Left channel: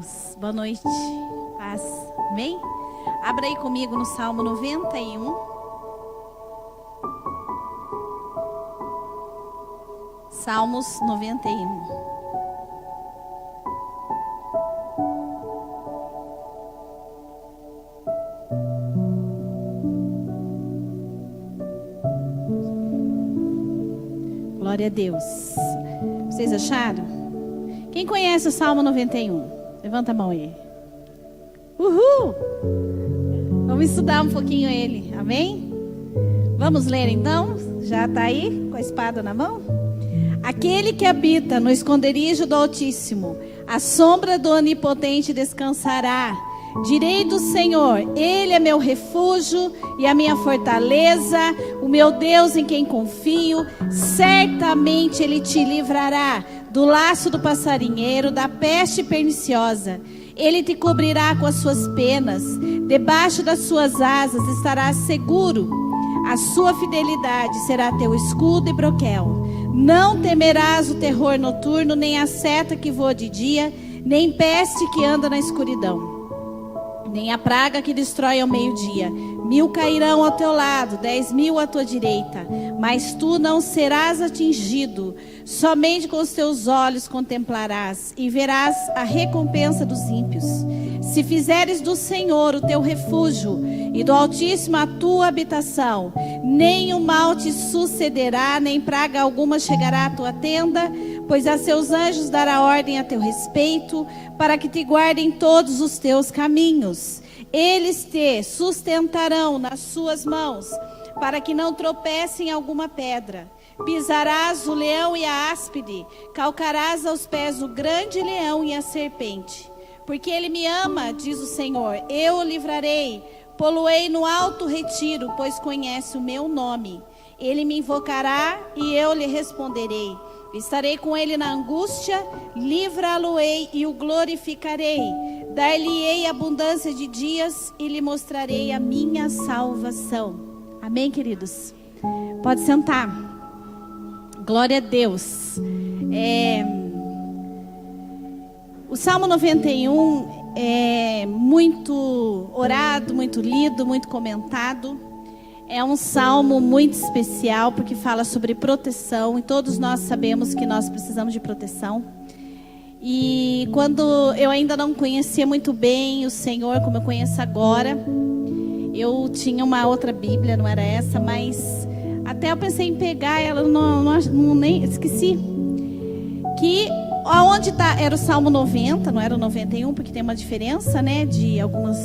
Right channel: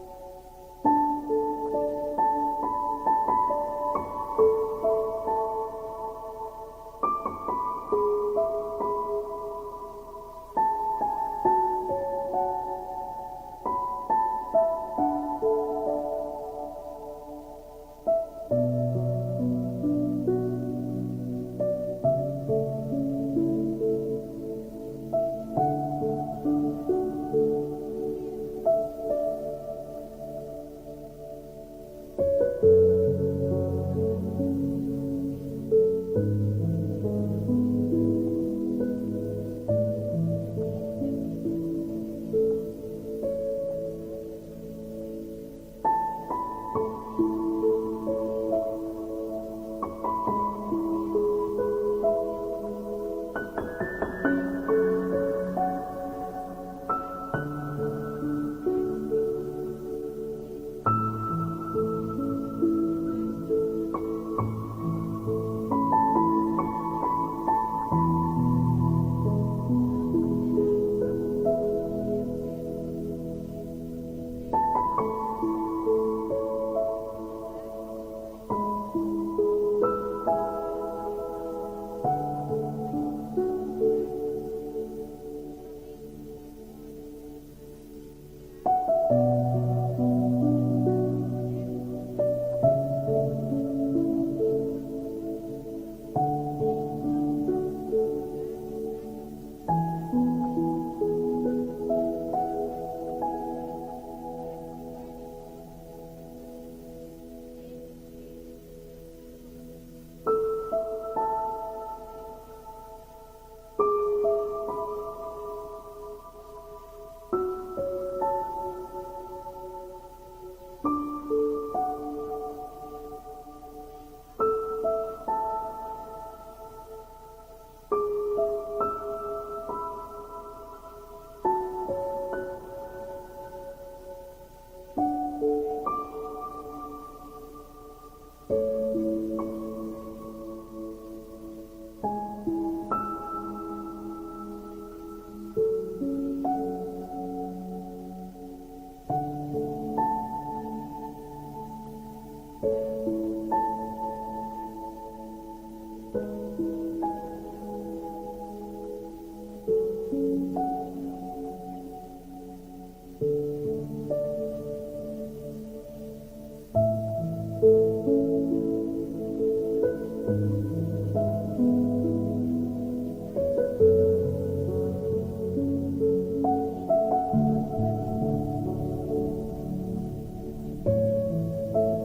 Deus. Boa noite. Paz. Amém? Abra aí comigo no Salmo 91. Salmos 91. Glória a Deus. Vocês acharam? Quem conhece o Salmo 91? Levanta a mão aí. Uhul! Vamos estudar um pouquinho ele, amém? Vamos ler então? Já está aí com a espada na mão? Aquele que habita no esconderijo do Altíssimo, a sombra do Onipotente descansará. Direi do Senhor, Ele é meu refúgio e a minha fortaleza, o meu Deus em quem confio. Certamente Ele te livrará do laço do passarinheiro, da peste perniciosa. Ele te cobrirá com as suas penas, debaixo das suas asas estarás seguro. A sua fidelidade será teu escudo e broquel. Não temerás o terror noturno, nem a seta que voa de dia, nem peste que anda na escuridão, nem a praga que destrói ao meio-dia. 1000 cairão ao teu lado, 10.000 à tua direita, mas tu não serás atingido. Somente com os teus olhos contemplarás e verás a recompensa dos ímpios. Se fizeres do Senhor o teu refúgio e do Altíssimo a tua habitação, nem o mal te sucederá, nem praga alguma chegará à tua tenda, pois a seus anjos dará ordem a teu respeito, para que te guardem todos os teus caminhos. Eles te sustentarão nas suas mãos, para que não tropece em alguma pedra. Pisarás o leão e a áspide, calcarás aos pés o grande leão e a serpente. Porque ele me ama, diz o Senhor, eu o livrarei, pô-lo-ei no alto retiro, pois conhece o meu nome. Ele me invocará e eu lhe responderei. Estarei com ele na angústia, livrá-lo-ei e o glorificarei. Dar-lhe-ei abundância de dias e lhe mostrarei a minha salvação. Amém, queridos? Pode sentar. Glória a Deus. O Salmo 91 é muito orado, muito lido, muito comentado. É um salmo muito especial porque fala sobre proteção e todos nós sabemos que nós precisamos de proteção. E quando eu ainda não conhecia muito bem o Senhor como eu conheço agora, eu tinha uma outra Bíblia, não era essa, mas até eu pensei em pegar ela, nem esqueci. Que aonde tá, era o Salmo 90, não era o 91, porque tem uma diferença, né, de algumas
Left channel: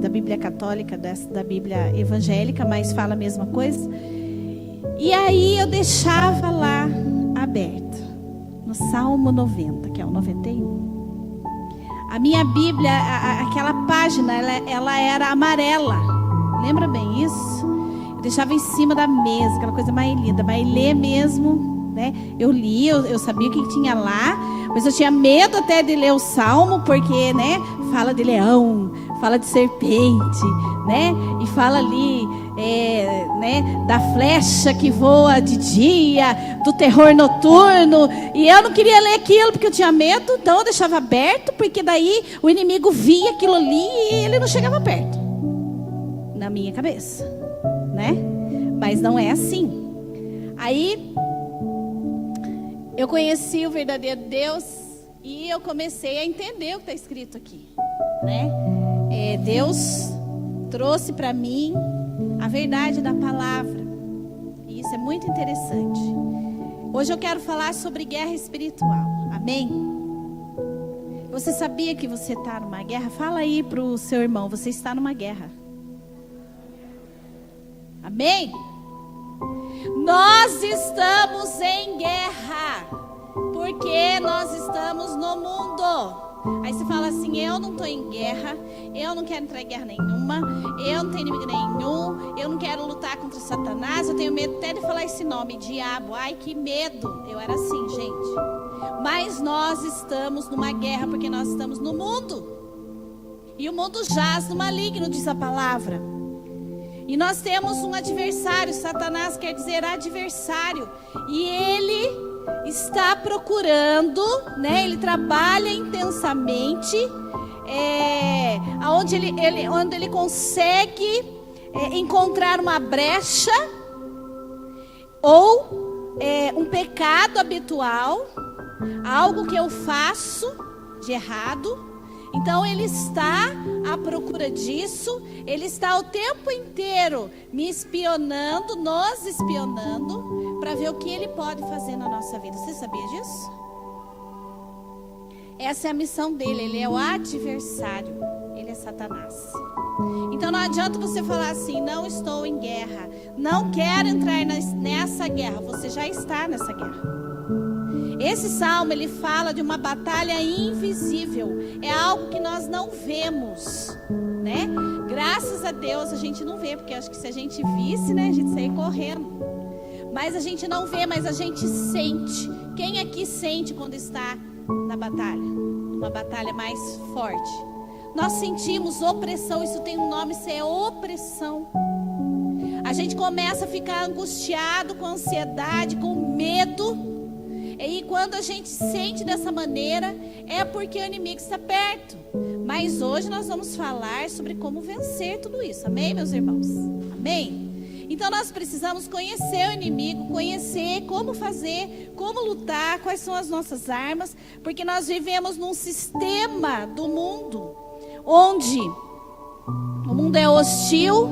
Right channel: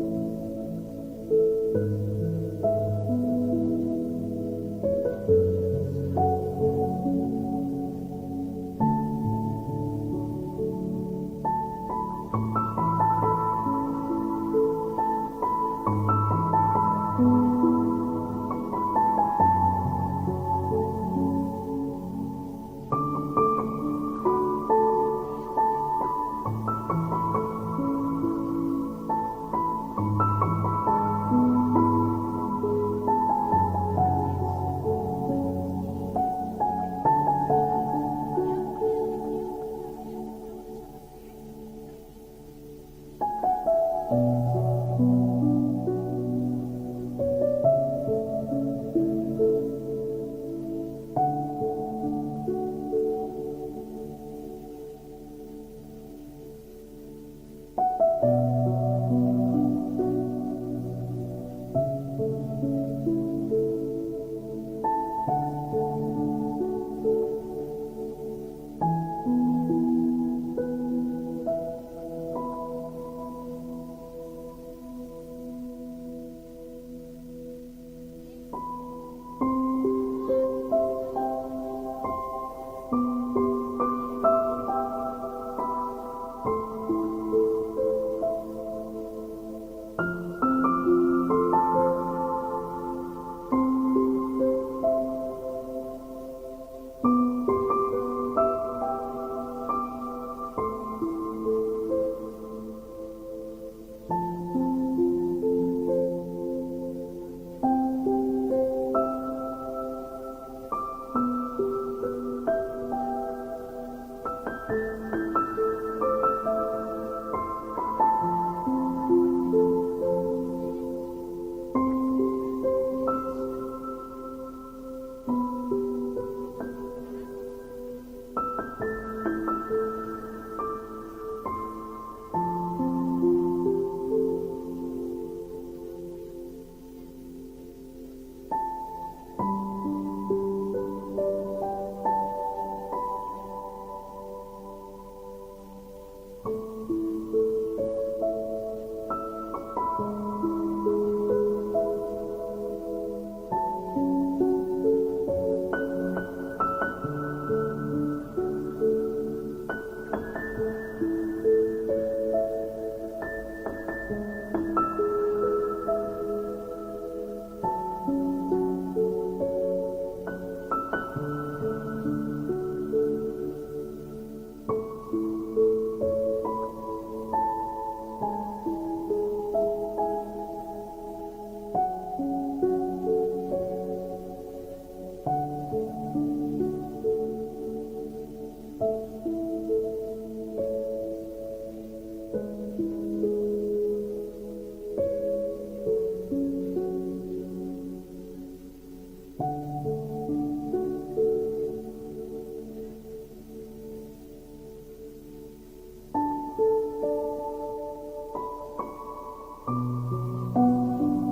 da Bíblia católica, da Bíblia evangélica, mas fala a mesma coisa. E aí eu deixava lá aberto, no Salmo 90, que é o 91. A minha Bíblia, aquela página, ela era amarela, lembra bem isso? Eu deixava em cima da mesa, aquela coisa mais linda, mas ler mesmo, né? Eu li, eu sabia o que tinha lá, mas eu tinha medo até de ler o Salmo, porque, né, fala de leão, fala de serpente, né, e fala ali, né, da flecha que voa de dia, do terror noturno, e eu não queria ler aquilo porque eu tinha medo, então eu deixava aberto, porque daí o inimigo via aquilo ali e ele não chegava perto, na minha cabeça, né, mas não é assim. Aí eu conheci o verdadeiro Deus e eu comecei a entender o que está escrito aqui, né? Deus trouxe para mim a verdade da palavra. E isso é muito interessante. Hoje eu quero falar sobre guerra espiritual. Amém? Você sabia que você está numa guerra? Fala aí para o seu irmão, você está numa guerra. Amém? Nós estamos em guerra, porque nós estamos no mundo. Aí você fala assim, eu não estou em guerra, eu não quero entrar em guerra nenhuma, eu não tenho inimigo nenhum, eu não quero lutar contra Satanás, eu tenho medo até de falar esse nome, diabo, ai que medo. Eu era assim, gente. Mas nós estamos numa guerra, porque nós estamos no mundo. E o mundo jaz no maligno, diz a palavra. E nós temos um adversário. Satanás quer dizer adversário. E ele está procurando, né? Ele trabalha intensamente, onde ele consegue encontrar uma brecha ou um pecado habitual, algo que eu faço de errado. Então ele está à procura disso, ele está o tempo inteiro me espionando, nos espionando, para ver o que ele pode fazer na nossa vida. Você sabia disso? Essa é a missão dele, ele é o adversário, ele é Satanás. Então não adianta você falar assim, não estou em guerra, não quero entrar nessa guerra, você já está nessa guerra. Esse salmo, ele fala de uma batalha invisível. É algo que nós não vemos, né? Graças a Deus a gente não vê, porque acho que se a gente visse, né, a gente saía correndo. Mas a gente não vê, mas a gente sente. Quem aqui sente quando está na batalha? Uma batalha mais forte. Nós sentimos opressão, isso tem um nome, isso é opressão. A gente começa a ficar angustiado, com ansiedade, com medo. E quando a gente sente dessa maneira, é porque o inimigo está perto. Mas hoje nós vamos falar sobre como vencer tudo isso. Amém, meus irmãos? Amém? Então nós precisamos conhecer o inimigo, conhecer como fazer, como lutar, quais são as nossas armas. Porque nós vivemos num sistema do mundo, onde o mundo é hostil,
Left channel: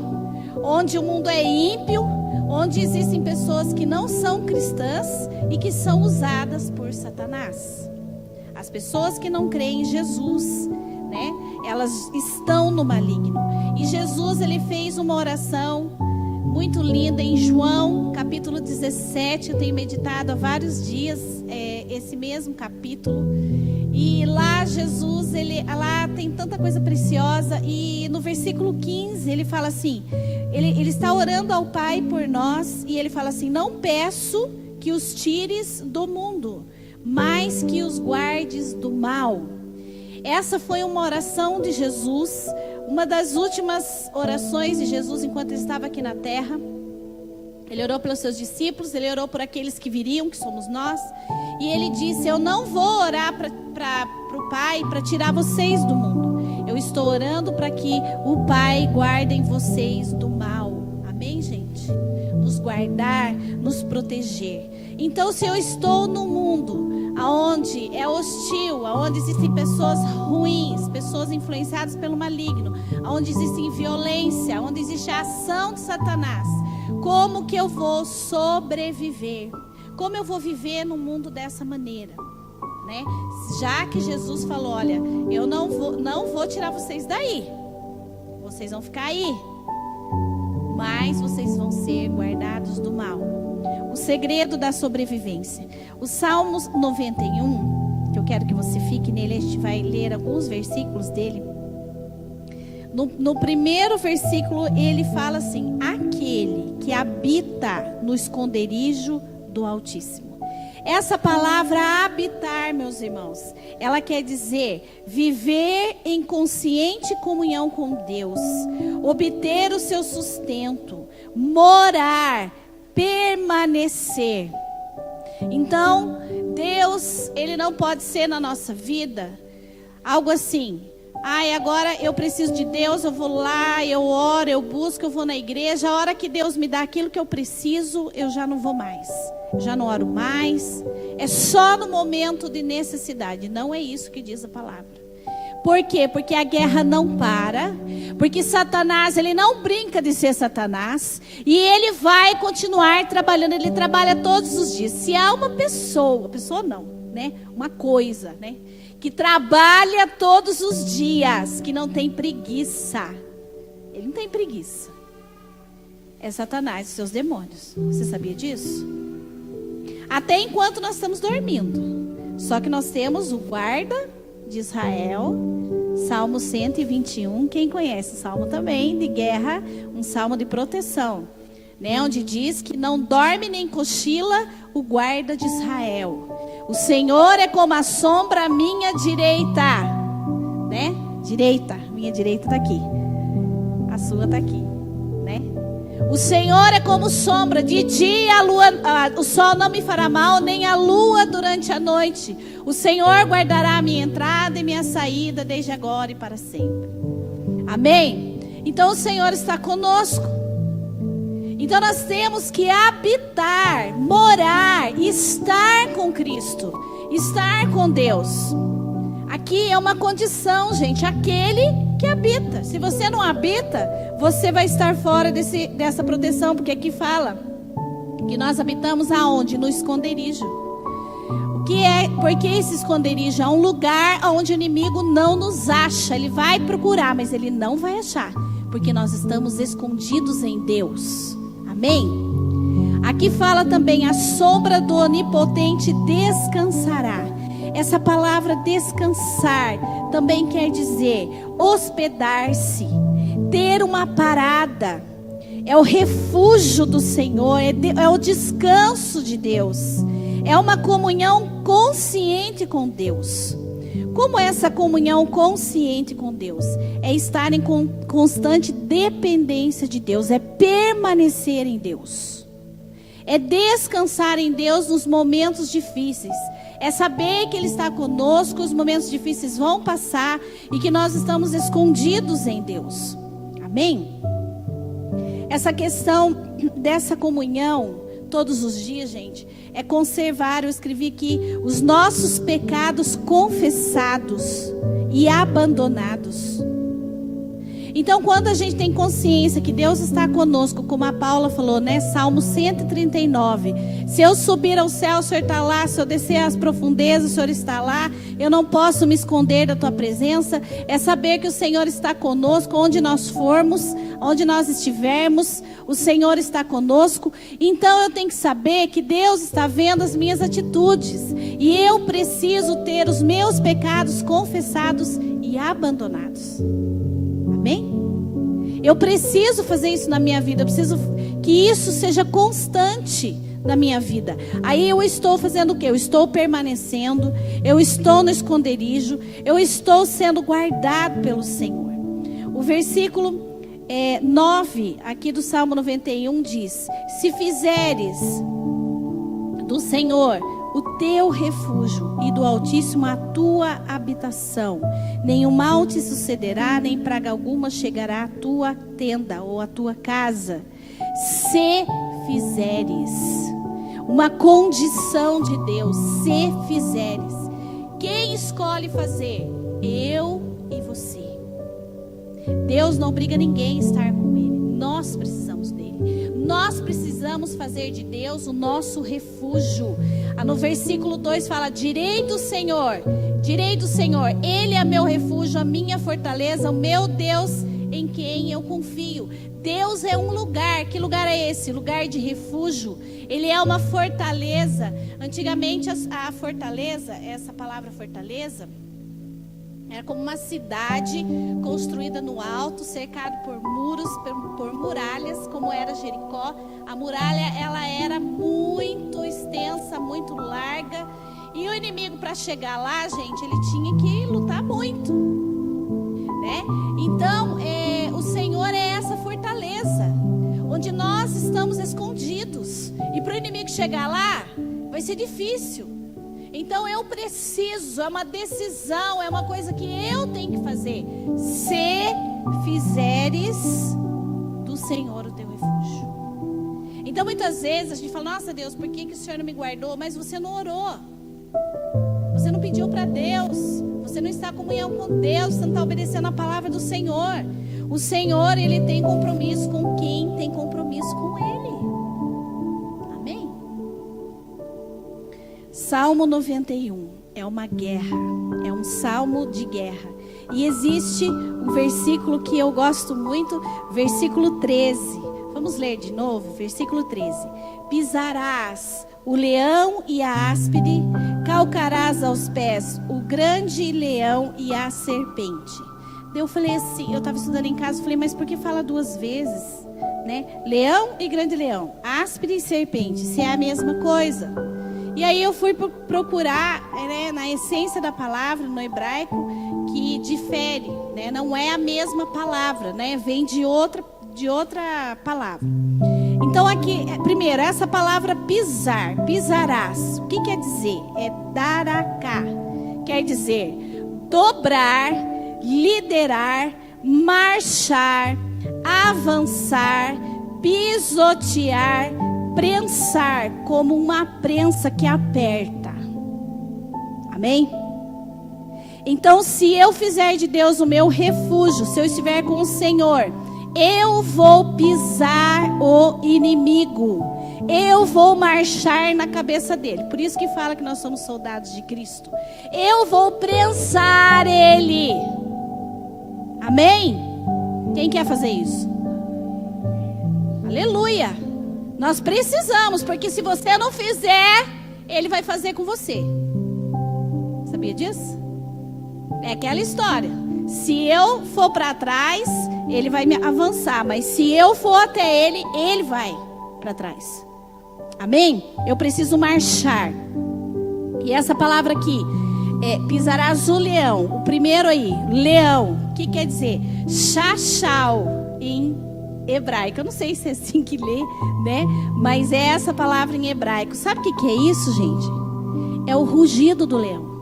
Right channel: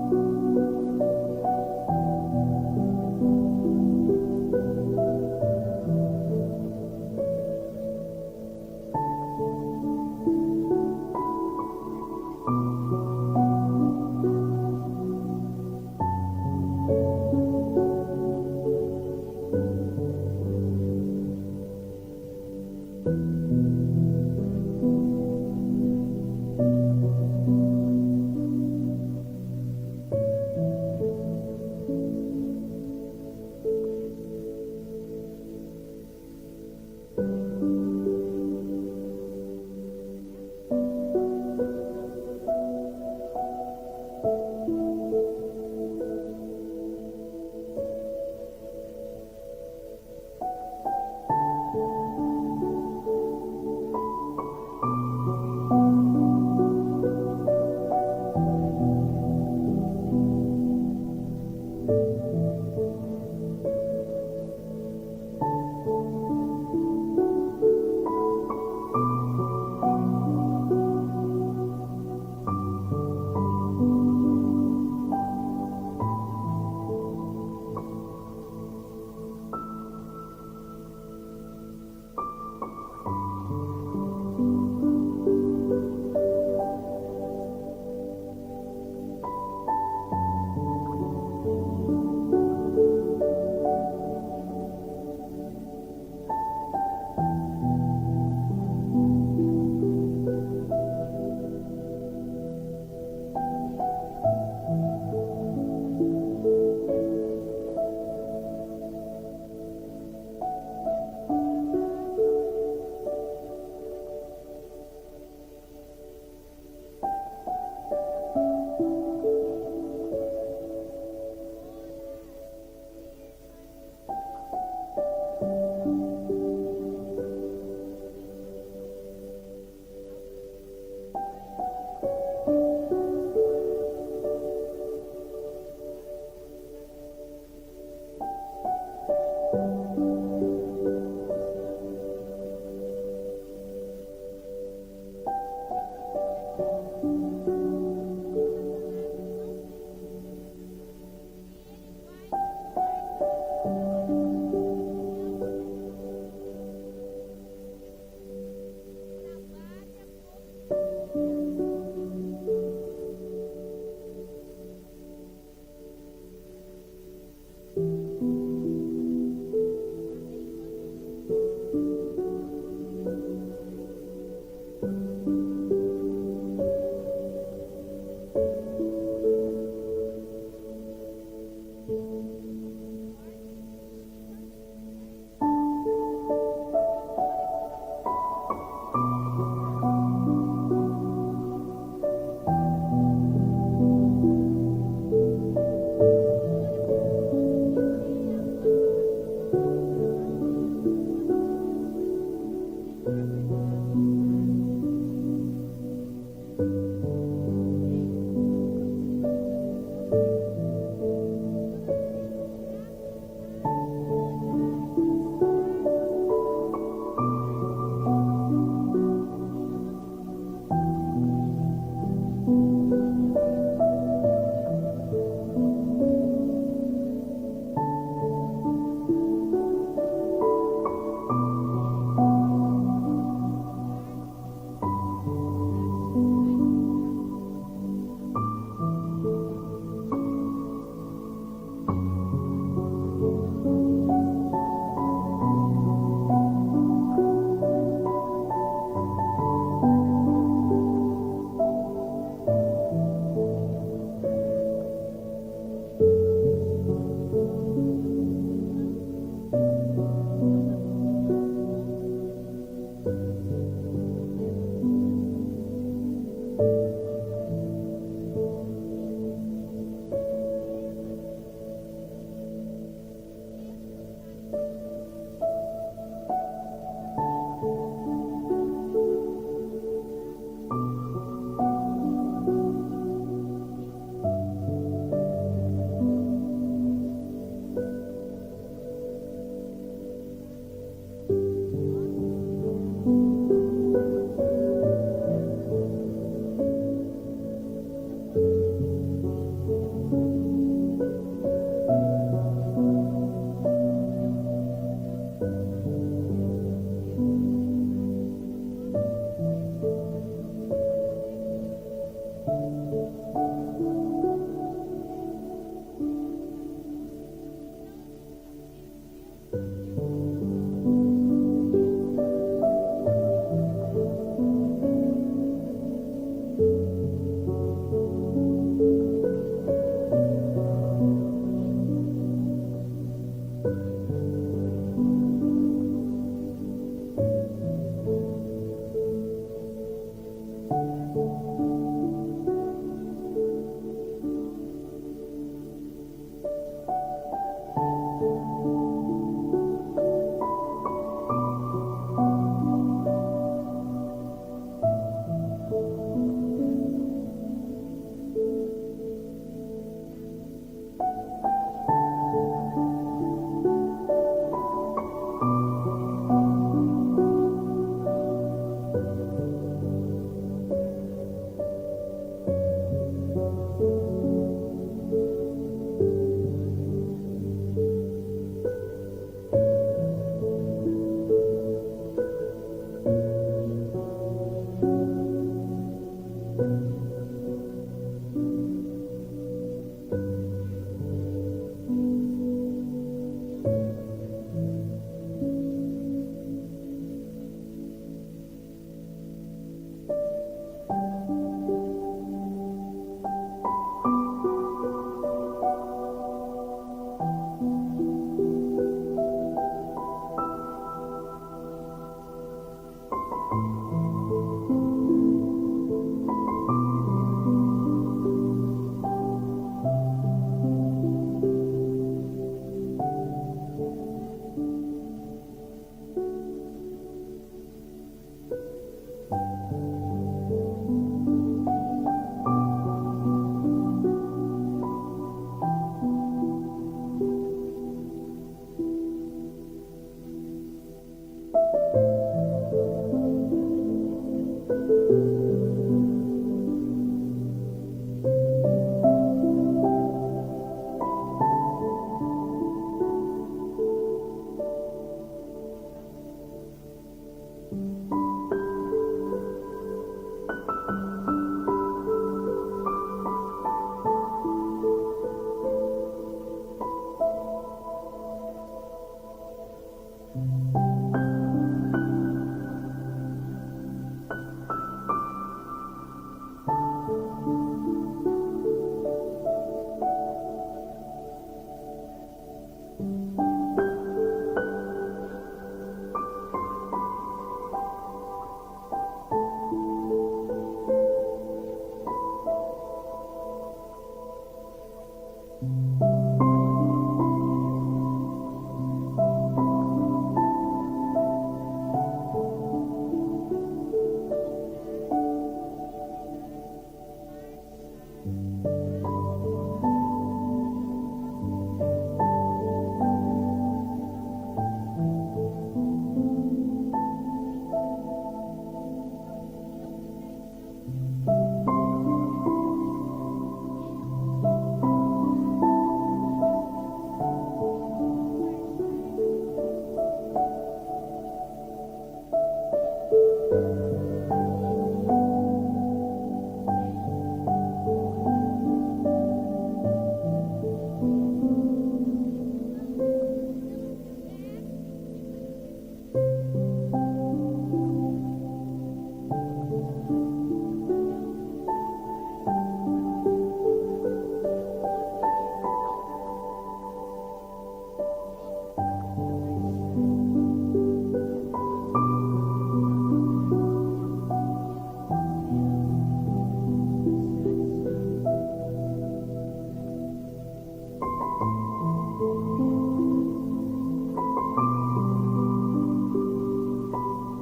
onde o mundo é ímpio, onde existem pessoas que não são cristãs e que são usadas por Satanás. As pessoas que não creem em Jesus, né? Elas estão no maligno. E Jesus, ele fez uma oração muito linda em João, capítulo 17. Eu tenho meditado há vários dias esse mesmo capítulo. E lá Jesus, lá tem tanta coisa preciosa. E no versículo 15, ele fala assim, ele está orando ao Pai por nós. E ele fala assim, não peço que os tires do mundo, mas que os guardes do mal. Essa foi uma oração de Jesus, uma das últimas orações de Jesus enquanto ele estava aqui na terra. Ele orou pelos seus discípulos, ele orou por aqueles que viriam, que somos nós. E ele disse, eu não vou orar para o Pai para tirar vocês do mundo. Eu estou orando para que o Pai guarde vocês do mal. Amém, gente? Nos guardar, nos proteger. Então, se eu estou no mundo onde é hostil, onde existem pessoas ruins, pessoas influenciadas pelo maligno, onde existe violência, onde existe a ação de Satanás, como que eu vou sobreviver? Como eu vou viver no mundo dessa maneira? Né? Já que Jesus falou, olha, eu não vou tirar vocês daí, vocês vão ficar aí, mas vocês vão ser guardados do mal. O segredo da sobrevivência. O Salmos 91, que eu quero que você fique nele, a gente vai ler alguns versículos dele. No primeiro versículo ele fala assim, aquele que habita no esconderijo do Altíssimo. Essa palavra habitar, meus irmãos, ela quer dizer viver em consciente comunhão com Deus, obter o seu sustento, morar, permanecer. Então, Deus, ele não pode ser na nossa vida algo assim, agora eu preciso de Deus, eu vou lá, eu oro, eu busco, eu vou na igreja, a hora que Deus me dá aquilo que eu preciso, eu já não vou mais, já não oro mais, é só no momento de necessidade. Não é isso que diz a palavra. Por quê? Porque a guerra não para, porque Satanás, ele não brinca de ser Satanás, e ele vai continuar trabalhando, ele trabalha todos os dias. Se há uma pessoa não, né? Uma coisa, né? Que trabalha todos os dias, que não tem preguiça, ele não tem preguiça, é Satanás e seus demônios. Você sabia disso? Até enquanto nós estamos dormindo, só que nós temos o guarda de Israel, Salmo 121, quem conhece? Salmo também de guerra, um salmo de proteção, né? Onde diz que não dorme nem cochila o guarda de Israel. O Senhor é como a sombra à minha direita, né? Direita, minha direita está aqui, a sua está aqui, né? né? O Senhor é como sombra, de dia o sol não me fará mal, nem a lua durante a noite. O Senhor guardará a minha entrada e minha saída, desde agora e para sempre. Amém? Então o Senhor está conosco. Então nós temos que habitar, morar, estar com Cristo, estar com Deus. Aqui é uma condição, gente, aquele que habita. Se você não habita, você vai estar fora dessa proteção, porque aqui fala que nós habitamos aonde? No esconderijo. Porque esse esconderijo é um lugar onde o inimigo não nos acha. Ele vai procurar, mas ele não vai achar, porque nós estamos escondidos em Deus. Amém? Aqui fala também: a sombra do Onipotente descansará. Essa palavra descansar também quer dizer hospedar-se, ter uma parada. É o refúgio do Senhor, é o descanso de Deus. É uma comunhão consciente com Deus. Como é essa comunhão consciente com Deus? É estar em constante dependência de Deus, é permanecer em Deus. É descansar em Deus nos momentos difíceis. É saber que Ele está conosco, os momentos difíceis vão passar e que nós estamos escondidos em Deus. Amém? Essa questão dessa comunhão todos os dias, gente, é conservar, eu escrevi aqui, os nossos pecados confessados e abandonados. Então, quando a gente tem consciência que Deus está conosco, como a Paula falou, né? Salmo 139. Se eu subir ao céu, o Senhor está lá. Se eu descer às profundezas, o Senhor está lá. Eu não posso me esconder da tua presença. É saber que o Senhor está conosco, onde nós formos, onde nós estivermos, o Senhor está conosco. Então, eu tenho que saber que Deus está vendo as minhas atitudes. E eu preciso ter os meus pecados confessados e abandonados. Amém? Eu preciso fazer isso na minha vida. Eu preciso que isso seja constante na minha vida. Aí eu estou fazendo o quê? Eu estou permanecendo. Eu estou no esconderijo. Eu estou sendo guardado pelo Senhor. O versículo 9 aqui do Salmo 91 diz: se fizeres do Senhor o teu refúgio e do Altíssimo a tua habitação, nenhum mal te sucederá, nem praga alguma chegará à tua tenda ou à tua casa. Se fizeres, uma condição de Deus, se fizeres. Quem escolhe fazer? Eu e você. Deus não obriga ninguém a estar com Ele. Nós precisamos dele. Nós precisamos fazer de Deus o nosso refúgio. No versículo 2 fala: direi do Senhor, Ele é meu refúgio, a minha fortaleza, o meu Deus em quem eu confio. Deus é um lugar. Que lugar é esse? Lugar de refúgio. Ele é uma fortaleza. Antigamente a fortaleza, essa palavra fortaleza, era como uma cidade construída no alto, cercado por muros, por muralhas, como era Jericó. A muralha, ela era muito extensa, muito larga. E o inimigo, para chegar lá, gente, ele tinha que lutar muito, né? Então, o Senhor é essa fortaleza, onde nós estamos escondidos. E para o inimigo chegar lá, vai ser difícil. Então eu preciso, é uma decisão, é uma coisa que eu tenho que fazer. Se fizeres do Senhor o teu refúgio. Então muitas vezes a gente fala: nossa Deus, por que o Senhor não me guardou? Mas você não orou. Você não pediu para Deus. Você não está em comunhão com Deus. Você não está obedecendo a palavra do Senhor. O Senhor, Ele tem compromisso com quem tem compromisso com Ele. Salmo 91 é uma guerra, é um salmo de guerra. E existe um versículo que eu gosto muito, versículo 13. Vamos ler de novo, versículo 13. Pisarás o leão e a áspide, calcarás aos pés o grande leão e a serpente. Eu falei assim, eu estava estudando em casa, falei: mas por que fala duas vezes, né? Leão e grande leão, áspide e serpente, se é a mesma coisa. E aí eu fui procurar, né, na essência da palavra, no hebraico, que difere, né, não é a mesma palavra, né, vem de outra de outra palavra. Então aqui, primeiro, essa palavra pisar, pisarás. O que quer dizer? É daracá. Quer dizer dobrar, liderar, marchar, avançar, pisotear, prensar, como uma prensa que aperta. Amém? Então, se eu fizer de Deus o meu refúgio, se eu estiver com o Senhor, eu vou pisar o inimigo. Eu vou marchar na cabeça dele. Por isso que fala que nós somos soldados de Cristo. Eu vou prensar ele. Amém? Quem quer fazer isso? Aleluia. Nós precisamos, porque se você não fizer, ele vai fazer com você. Sabia disso? É aquela história. Se eu for para trás, ele vai me avançar. Mas se eu for até ele, ele vai para trás. Amém? Eu preciso marchar. E essa palavra aqui é pisarás o leão. O primeiro aí, leão. O que quer dizer? Shachal em hebraico. Eu não sei se é assim que lê, né? Mas é essa palavra em hebraico. Sabe o que é isso, gente? É o rugido do leão.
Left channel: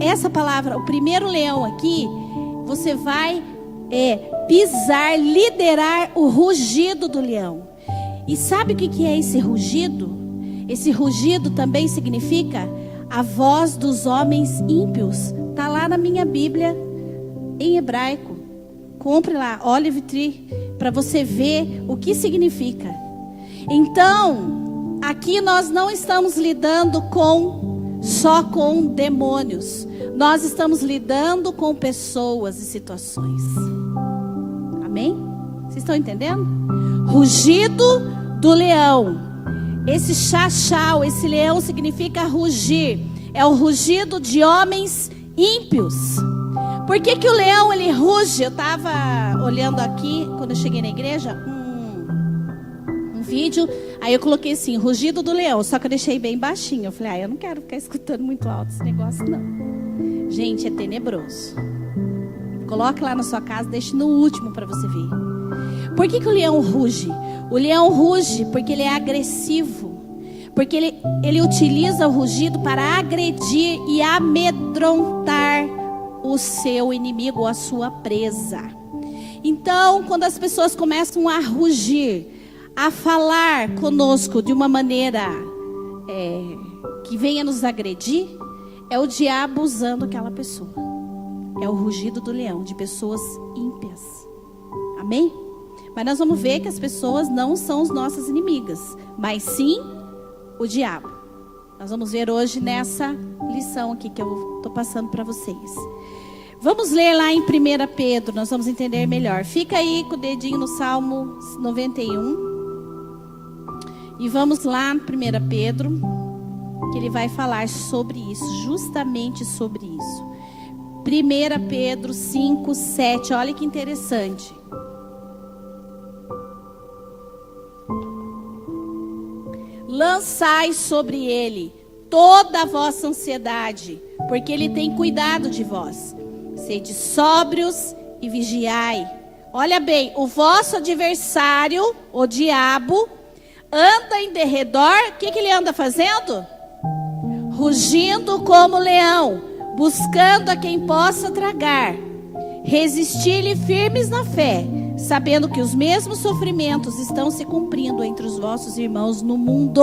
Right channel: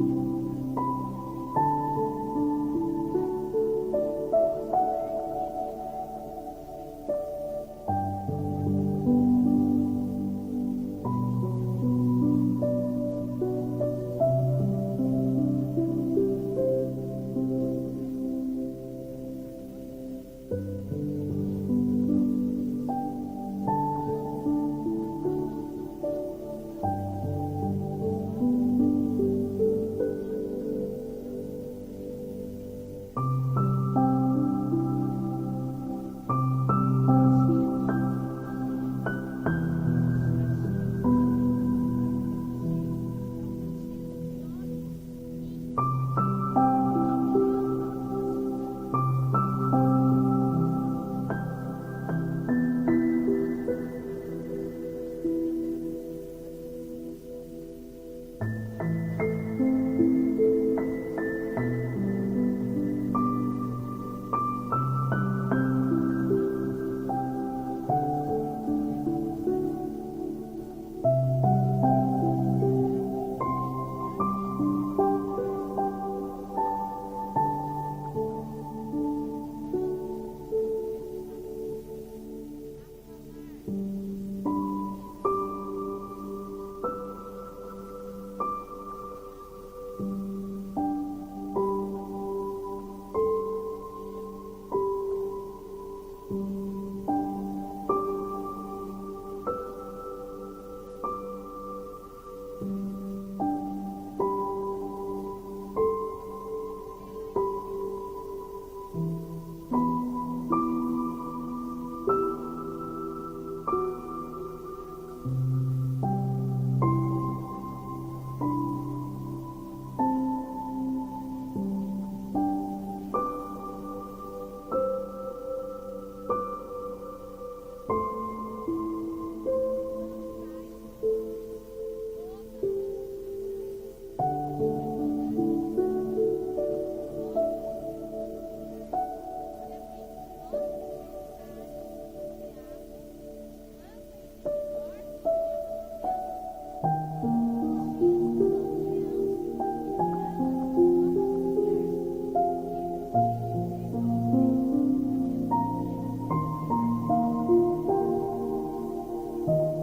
Essa palavra, o primeiro leão aqui, você vai pisar, liderar o rugido do leão. E sabe o que é esse rugido? Esse rugido também significa a voz dos homens ímpios. Está lá na minha Bíblia em hebraico. Compre lá, Olive Tree, para você ver o que significa. Então, aqui nós não estamos lidando só com demônios. Nós estamos lidando com pessoas e situações. Amém? Vocês estão entendendo? Rugido do leão. Esse chachau, esse leão significa rugir. É o rugido de homens ímpios. Por que o leão ele ruge? Eu estava olhando aqui, quando eu cheguei na igreja, um vídeo. Aí eu coloquei assim, rugido do leão. Só que eu deixei bem baixinho. Eu falei, eu não quero ficar escutando muito alto esse negócio não. Gente, é tenebroso. Coloque lá na sua casa, deixe no último para você ver. Por que o leão ruge? O leão ruge porque ele é agressivo. Porque ele utiliza o rugido para agredir e amedrontar o seu inimigo, a sua presa. Então, quando as pessoas começam a rugir, a falar conosco de uma maneira que venha nos agredir, é o diabo usando aquela pessoa. É o rugido do leão, de pessoas ímpias. Amém? Mas nós vamos ver que as pessoas não são as nossas inimigas, mas sim o diabo. Nós vamos ver hoje nessa lição aqui que eu estou passando para vocês. Vamos ler lá em 1 Pedro, nós vamos entender melhor. Fica aí com o dedinho no Salmo 91. E vamos lá, 1 Pedro, que ele vai falar sobre isso, justamente sobre isso. 1 Pedro 5, 7, olha que interessante. Lançai sobre ele toda a vossa ansiedade, porque ele tem cuidado de vós. Sede sóbrios e vigiai. Olha bem, o vosso adversário, o diabo, anda em derredor. O que ele anda fazendo? Rugindo como leão, buscando a quem possa tragar. Resistir-lhe firmes na fé, sabendo que os mesmos sofrimentos estão se cumprindo entre os vossos irmãos no mundo.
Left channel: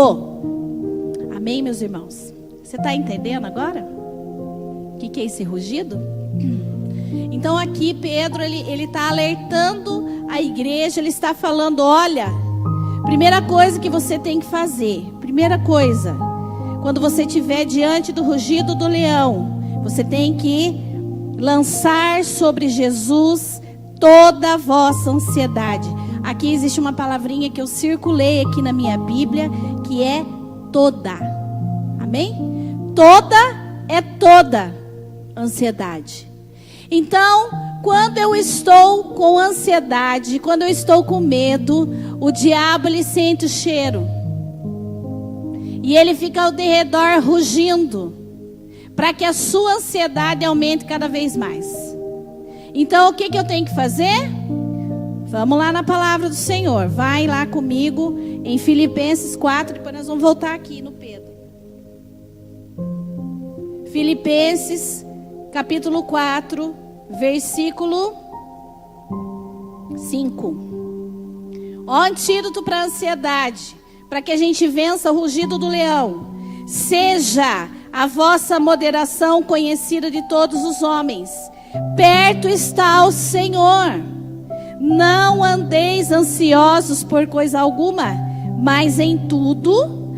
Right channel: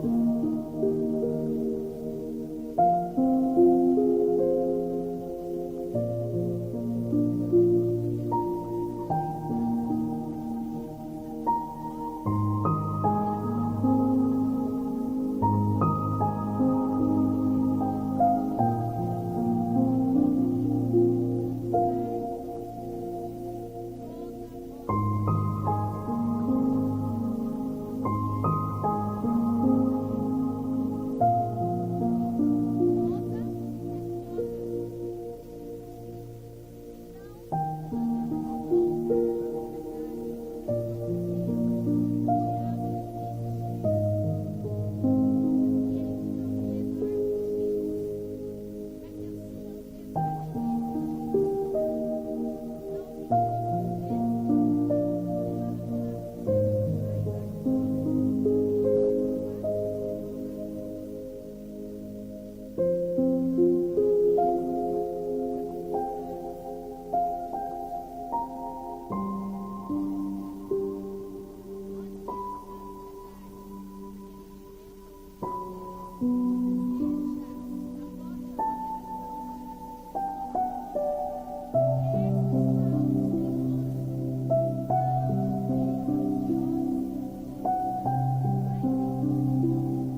Amém, meus irmãos? Você está entendendo agora? O que é esse rugido? Então aqui Pedro, ele está alertando a igreja, ele está falando, olha, primeira coisa que você tem que fazer, primeira coisa, quando você estiver diante do rugido do leão, você tem que lançar sobre Jesus toda a vossa ansiedade. Aqui existe uma palavrinha que eu circulei aqui na minha Bíblia, que é toda. Amém? Toda ansiedade. Então, quando eu estou com ansiedade, quando eu estou com medo, o diabo ele sente o cheiro. E ele fica ao derredor rugindo, para que a sua ansiedade aumente cada vez mais. Então, o que eu tenho que fazer? Vamos lá na palavra do Senhor. Vai lá comigo em Filipenses 4. Depois nós vamos voltar aqui no Pedro. Filipenses capítulo 4, versículo 5. Ó antídoto para a ansiedade, para que a gente vença o rugido do leão. Seja a vossa moderação conhecida de todos os homens. Perto está o Senhor. Não andeis ansiosos por coisa alguma, mas em tudo,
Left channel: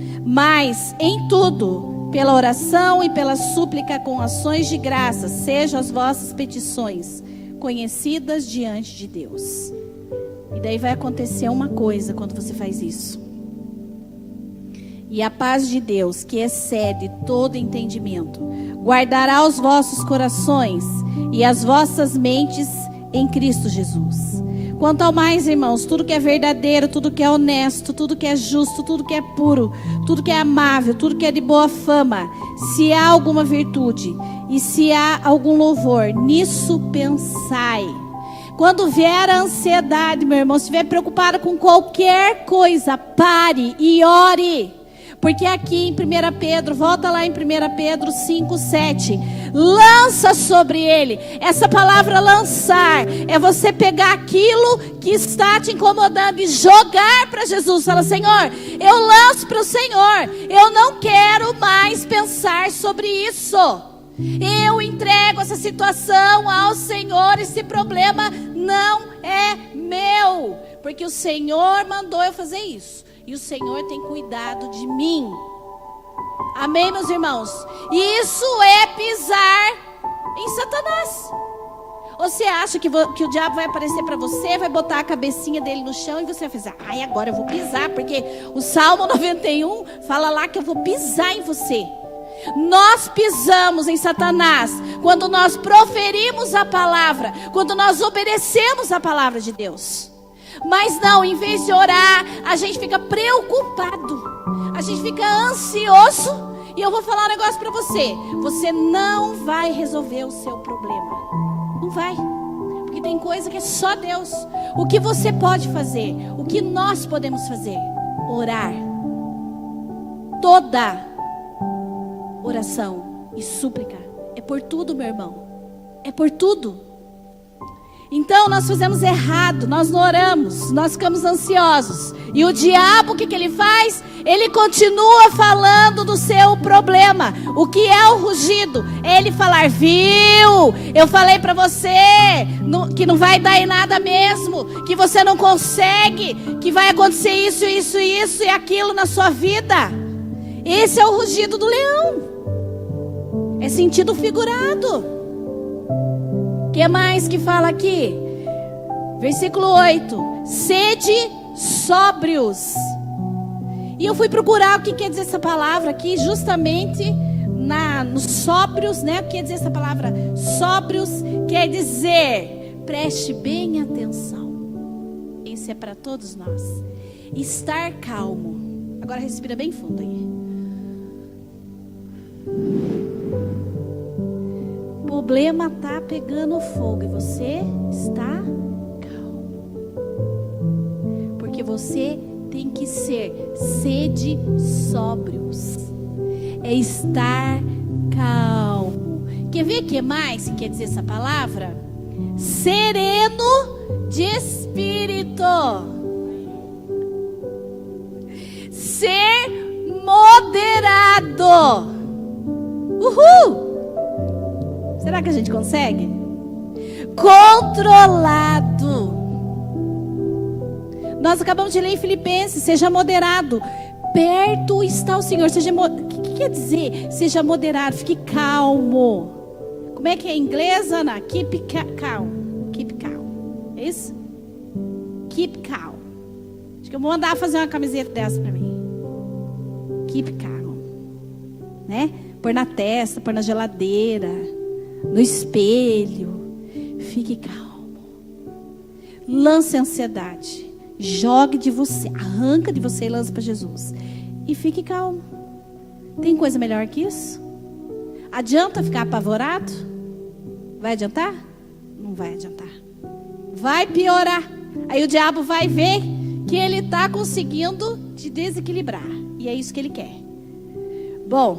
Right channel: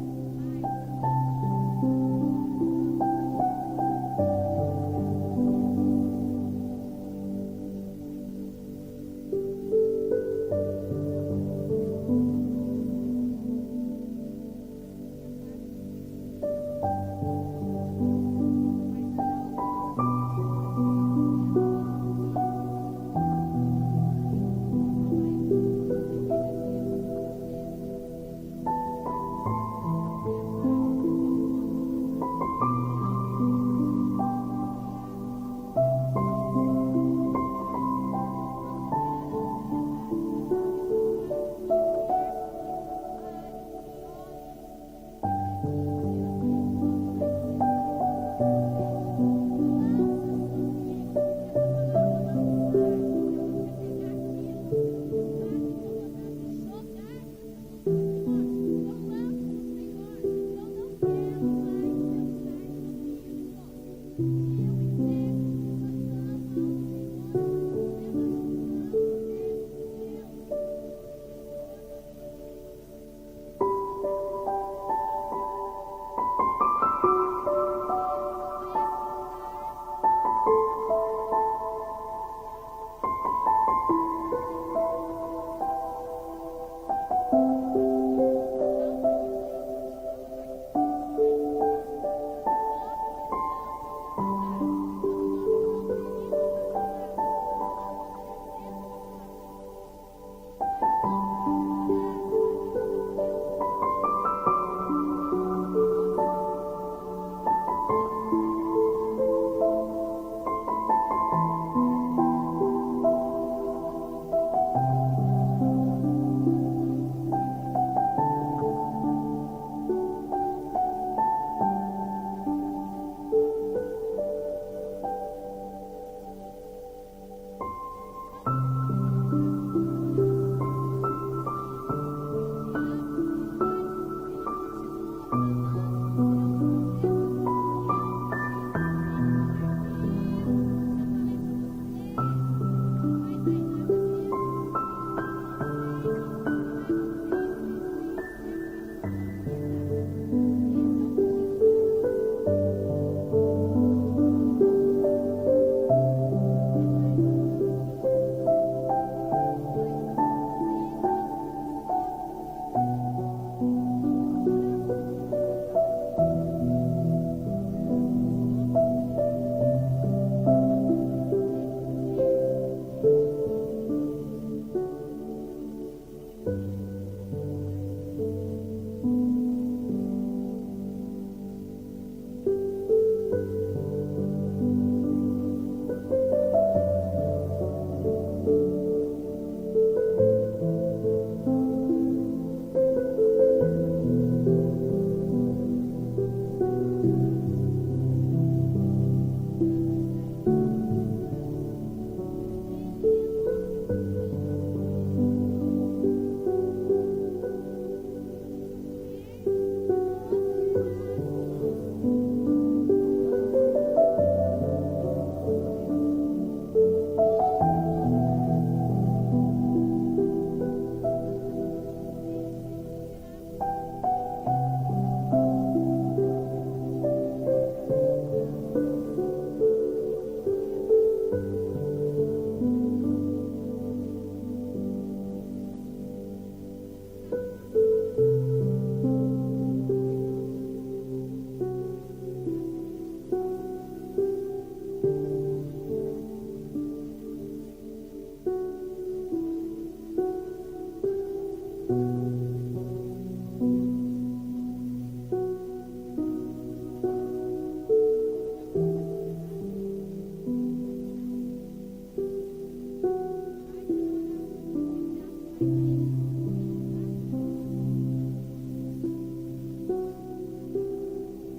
pela oração e pela súplica com ações de graça, sejam as vossas petições conhecidas diante de Deus. E daí vai acontecer uma coisa quando você faz isso. E a paz de Deus, que excede todo entendimento, guardará os vossos corações e as vossas mentes em Cristo Jesus. Quanto ao mais, irmãos, tudo que é verdadeiro, tudo que é honesto, tudo que é justo, tudo que é puro, tudo que é amável, tudo que é de boa fama, se há alguma virtude e se há algum louvor, nisso pensai. Quando vier a ansiedade, meu irmão, se estiver preocupado com qualquer coisa, pare e ore. Porque aqui em 1 Pedro, volta lá em 1 Pedro 5, 7. Lança sobre ele. Essa palavra lançar é você pegar aquilo que está te incomodando e jogar para Jesus. Fala, Senhor, eu lanço para o Senhor. Eu não quero mais pensar sobre isso. Eu entrego essa situação ao Senhor. Esse problema não é meu. Porque o Senhor mandou eu fazer isso. E o Senhor tem cuidado de mim. Amém, meus irmãos? Isso é pisar em Satanás. Ou você acha que o diabo vai aparecer para você, vai botar a cabecinha dele no chão e você vai fazer, ai, agora eu vou pisar, porque o Salmo 91 fala lá que eu vou pisar em você. Nós pisamos em Satanás quando nós proferimos a palavra, quando nós obedecemos a palavra de Deus. Mas não, em vez de orar, a gente fica preocupado, a gente fica ansioso. E eu vou falar um negócio para você: você não vai resolver o seu problema. Não vai. Porque tem coisa que é só Deus. O que você pode fazer, o que nós podemos fazer? Orar. Toda oração e súplica é por tudo, meu irmão. É por tudo. Então nós fizemos errado, nós não oramos, nós ficamos ansiosos. E o diabo, o que ele faz? Ele continua falando do seu problema. O que é o rugido? É ele falar, viu? Eu falei para você que não vai dar em nada mesmo, que você não consegue, que vai acontecer isso, isso, isso e aquilo na sua vida. Esse é o rugido do leão. É sentido figurado. O que mais que fala aqui? Versículo 8. Sede sóbrios. E eu fui procurar o que quer dizer essa palavra aqui, justamente nos sóbrios, né? O que quer dizer essa palavra? Sóbrios quer dizer, preste bem atenção. Isso é para todos nós. Estar calmo. Agora respira bem fundo aí. O problema está pegando fogo e você está calmo. Porque você tem que sede sóbrios. É estar calmo. Quer ver o que mais quer dizer essa palavra? Sereno de espírito. Ser moderado. Uhul! Será que a gente consegue? Controlado. Nós acabamos de ler em Filipenses, seja moderado. Perto está o Senhor. O que quer dizer? Seja moderado, fique calmo. Como é que é em inglês, Ana? Keep calm. Keep calm. É isso? Keep calm. Acho que eu vou mandar fazer uma camiseta dessa pra mim. Keep calm. Né? Pôr na testa, pôr na geladeira, no espelho. Fique calmo. Lance a ansiedade. Jogue de você, arranca de você e lança para Jesus. E fique calmo. Tem coisa melhor que isso? Adianta ficar apavorado? Vai adiantar? Não vai adiantar. Vai piorar. Aí o diabo vai ver que ele está conseguindo te desequilibrar. E é isso que ele quer. Bom,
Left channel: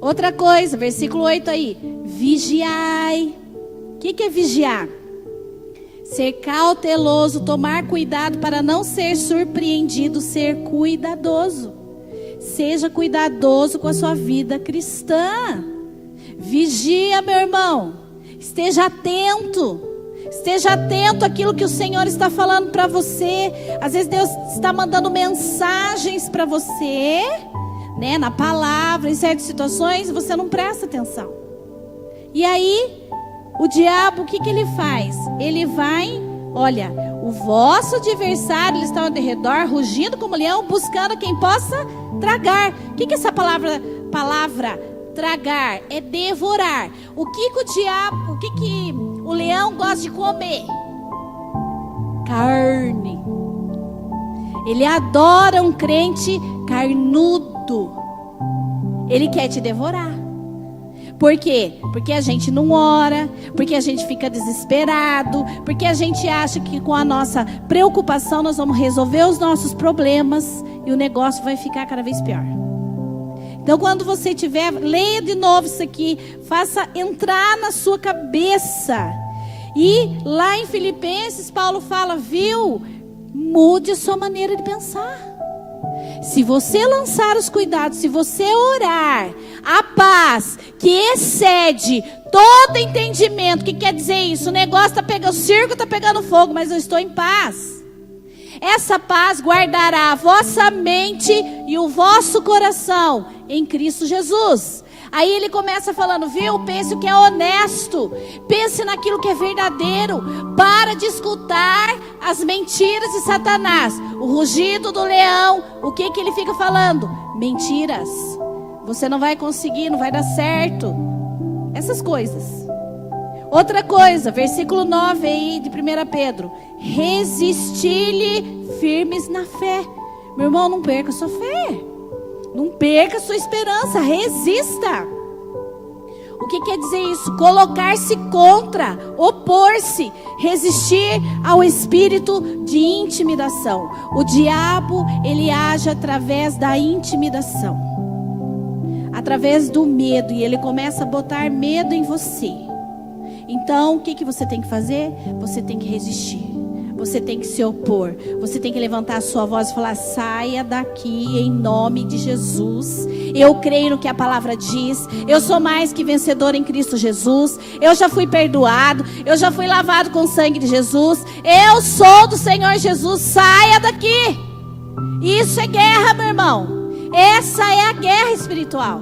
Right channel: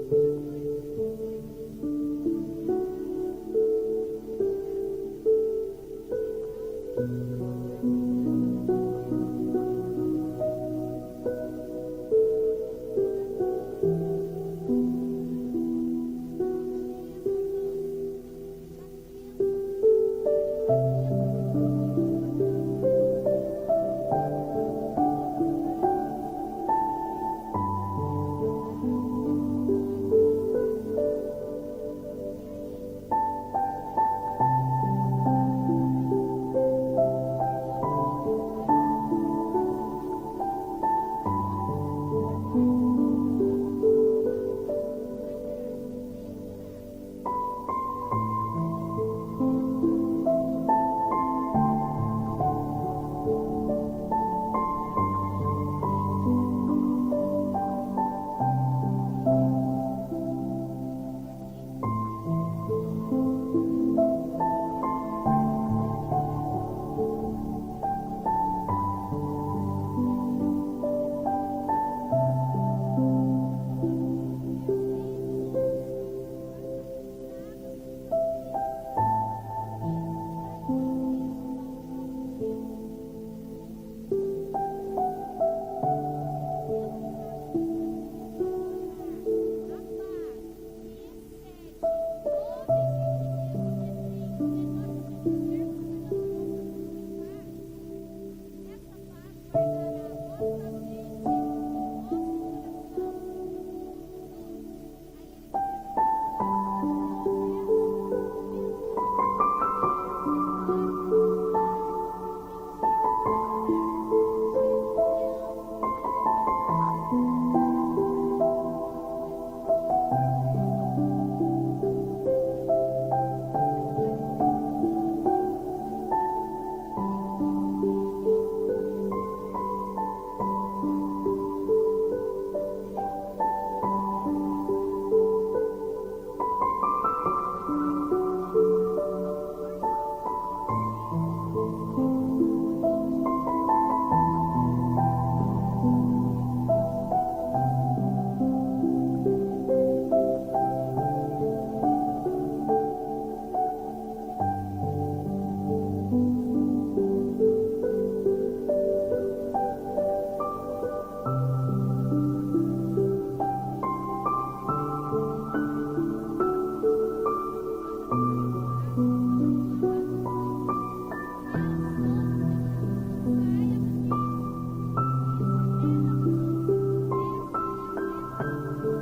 outra coisa, versículo 8 aí. Vigiai. O que é vigiar? Ser cauteloso, tomar cuidado para não ser surpreendido, ser cuidadoso. Seja cuidadoso com a sua vida cristã. Vigia, meu irmão. Esteja atento. Esteja atento àquilo que o Senhor está falando para você. Às vezes Deus está mandando mensagens para você, né, na palavra, em certas situações, você não presta atenção. E aí, o diabo, o que ele faz? Ele vai, olha, o vosso adversário, ele está ao redor, rugindo como leão, buscando quem possa tragar. O que é essa palavra tragar? É devorar. O que o diabo, o que o leão gosta de comer? Carne. Ele adora um crente carnudo. Ele quer te devorar. Por quê? Porque a gente não ora, porque a gente fica desesperado, porque a gente acha que com a nossa preocupação nós vamos resolver os nossos problemas e o negócio vai ficar cada vez pior. Então, quando você tiver, leia de novo isso aqui, faça entrar na sua cabeça. E lá em Filipenses, Paulo fala, viu? Mude a sua maneira de pensar. Se você lançar os cuidados, se você orar, a paz que excede todo entendimento, o que quer dizer isso? O negócio está pegando, o circo está pegando fogo, mas eu estou em paz. Essa paz guardará a vossa mente e o vosso coração em Cristo Jesus. Aí ele começa falando, viu? Pense o que é honesto. Pense naquilo que é verdadeiro. Para de escutar as mentiras de Satanás. O rugido do leão. O que ele fica falando? Mentiras. Você não vai conseguir, não vai dar certo. Essas coisas. Outra coisa, versículo 9 aí de 1 Pedro. Resistir-lhe firmes na fé. Meu irmão, não perca a sua fé. Não perca a sua esperança, resista. O que quer dizer isso? Colocar-se contra, opor-se, resistir ao espírito de intimidação. O diabo, ele age através da intimidação, através do medo, e ele começa a botar medo em você. Então, o que você tem que fazer? Você tem que resistir. Você tem que se opor. Você tem que levantar a sua voz e falar, saia daqui em nome de Jesus. Eu creio no que a palavra diz. Eu sou mais que vencedor em Cristo Jesus. Eu já fui perdoado. Eu já fui lavado com o sangue de Jesus. Eu sou do Senhor Jesus. Saia daqui. Isso é guerra, meu irmão. Essa é a guerra espiritual.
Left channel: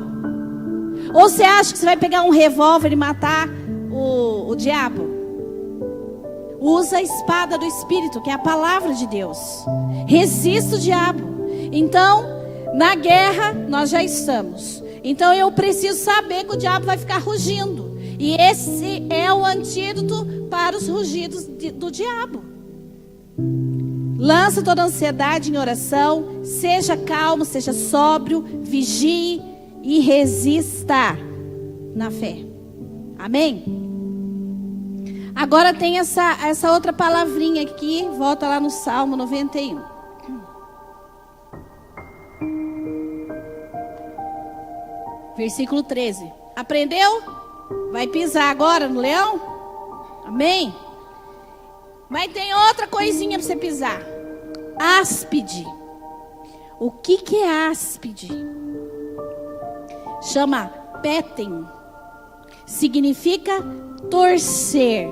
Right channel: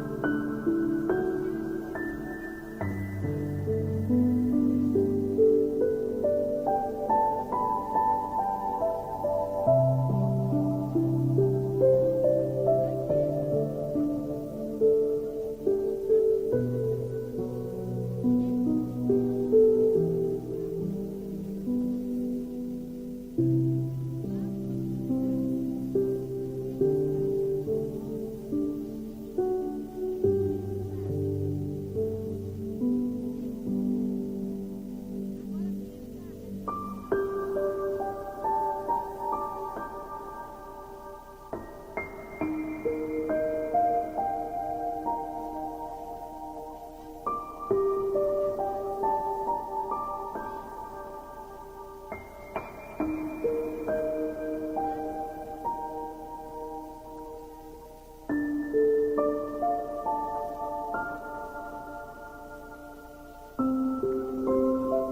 Ou você acha que você vai pegar um revólver e matar o diabo? Usa a espada do Espírito, que é a palavra de Deus. Resista o diabo. Então, na guerra, nós já estamos. Então, eu preciso saber que o diabo vai ficar rugindo. E esse é o antídoto para os rugidos do diabo. Lança toda a ansiedade em oração. Seja calmo, seja sóbrio. Vigie e resista na fé. Amém? Agora tem essa outra palavrinha aqui. Volta lá no Salmo 91. Versículo 13. Aprendeu? Vai pisar agora no leão? Amém? Mas tem outra coisinha para você pisar. Áspide. O que é áspide? Chama péten. Significa torcer.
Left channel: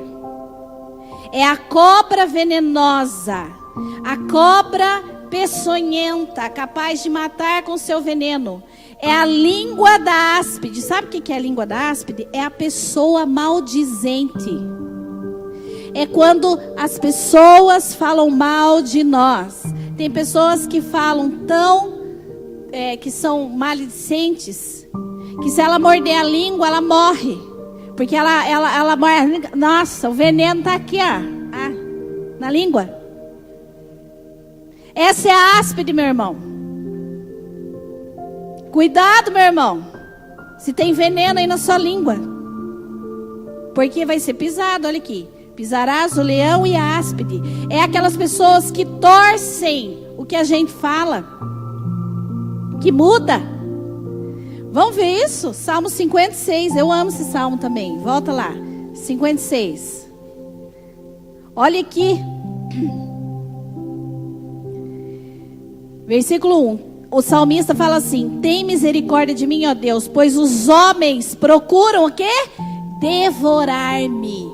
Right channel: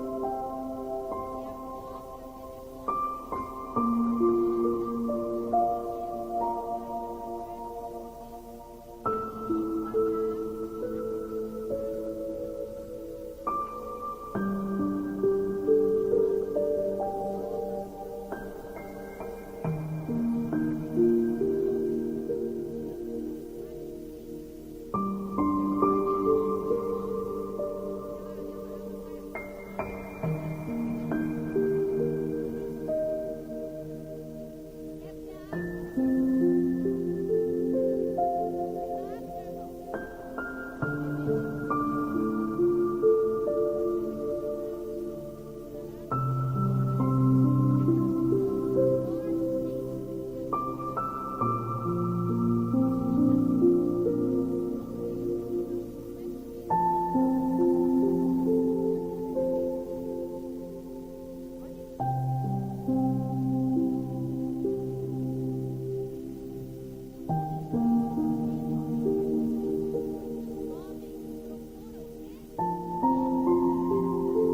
É a cobra venenosa, a cobra peçonhenta, capaz de matar com seu veneno. É a língua da áspide. Sabe o que é a língua da áspide? É a pessoa maldizente. É quando as pessoas falam mal de nós. Tem pessoas que falam que são maledicentes, que se ela morder a língua, ela morre. Porque ela morre. Nossa, o veneno está aqui, ó, na língua. Essa é a áspide, meu irmão. Cuidado, meu irmão. Se tem veneno aí na sua língua. Porque vai ser pisado, olha aqui. Pisarás o leão e a áspide. É aquelas pessoas que torcem o que a gente fala, que muda. Vamos ver isso? Salmo 56. Eu amo esse salmo também. Volta lá. 56. Olha aqui. Versículo 1. O salmista fala assim: tem misericórdia de mim, ó Deus, pois os homens procuram o quê? Devorar-me.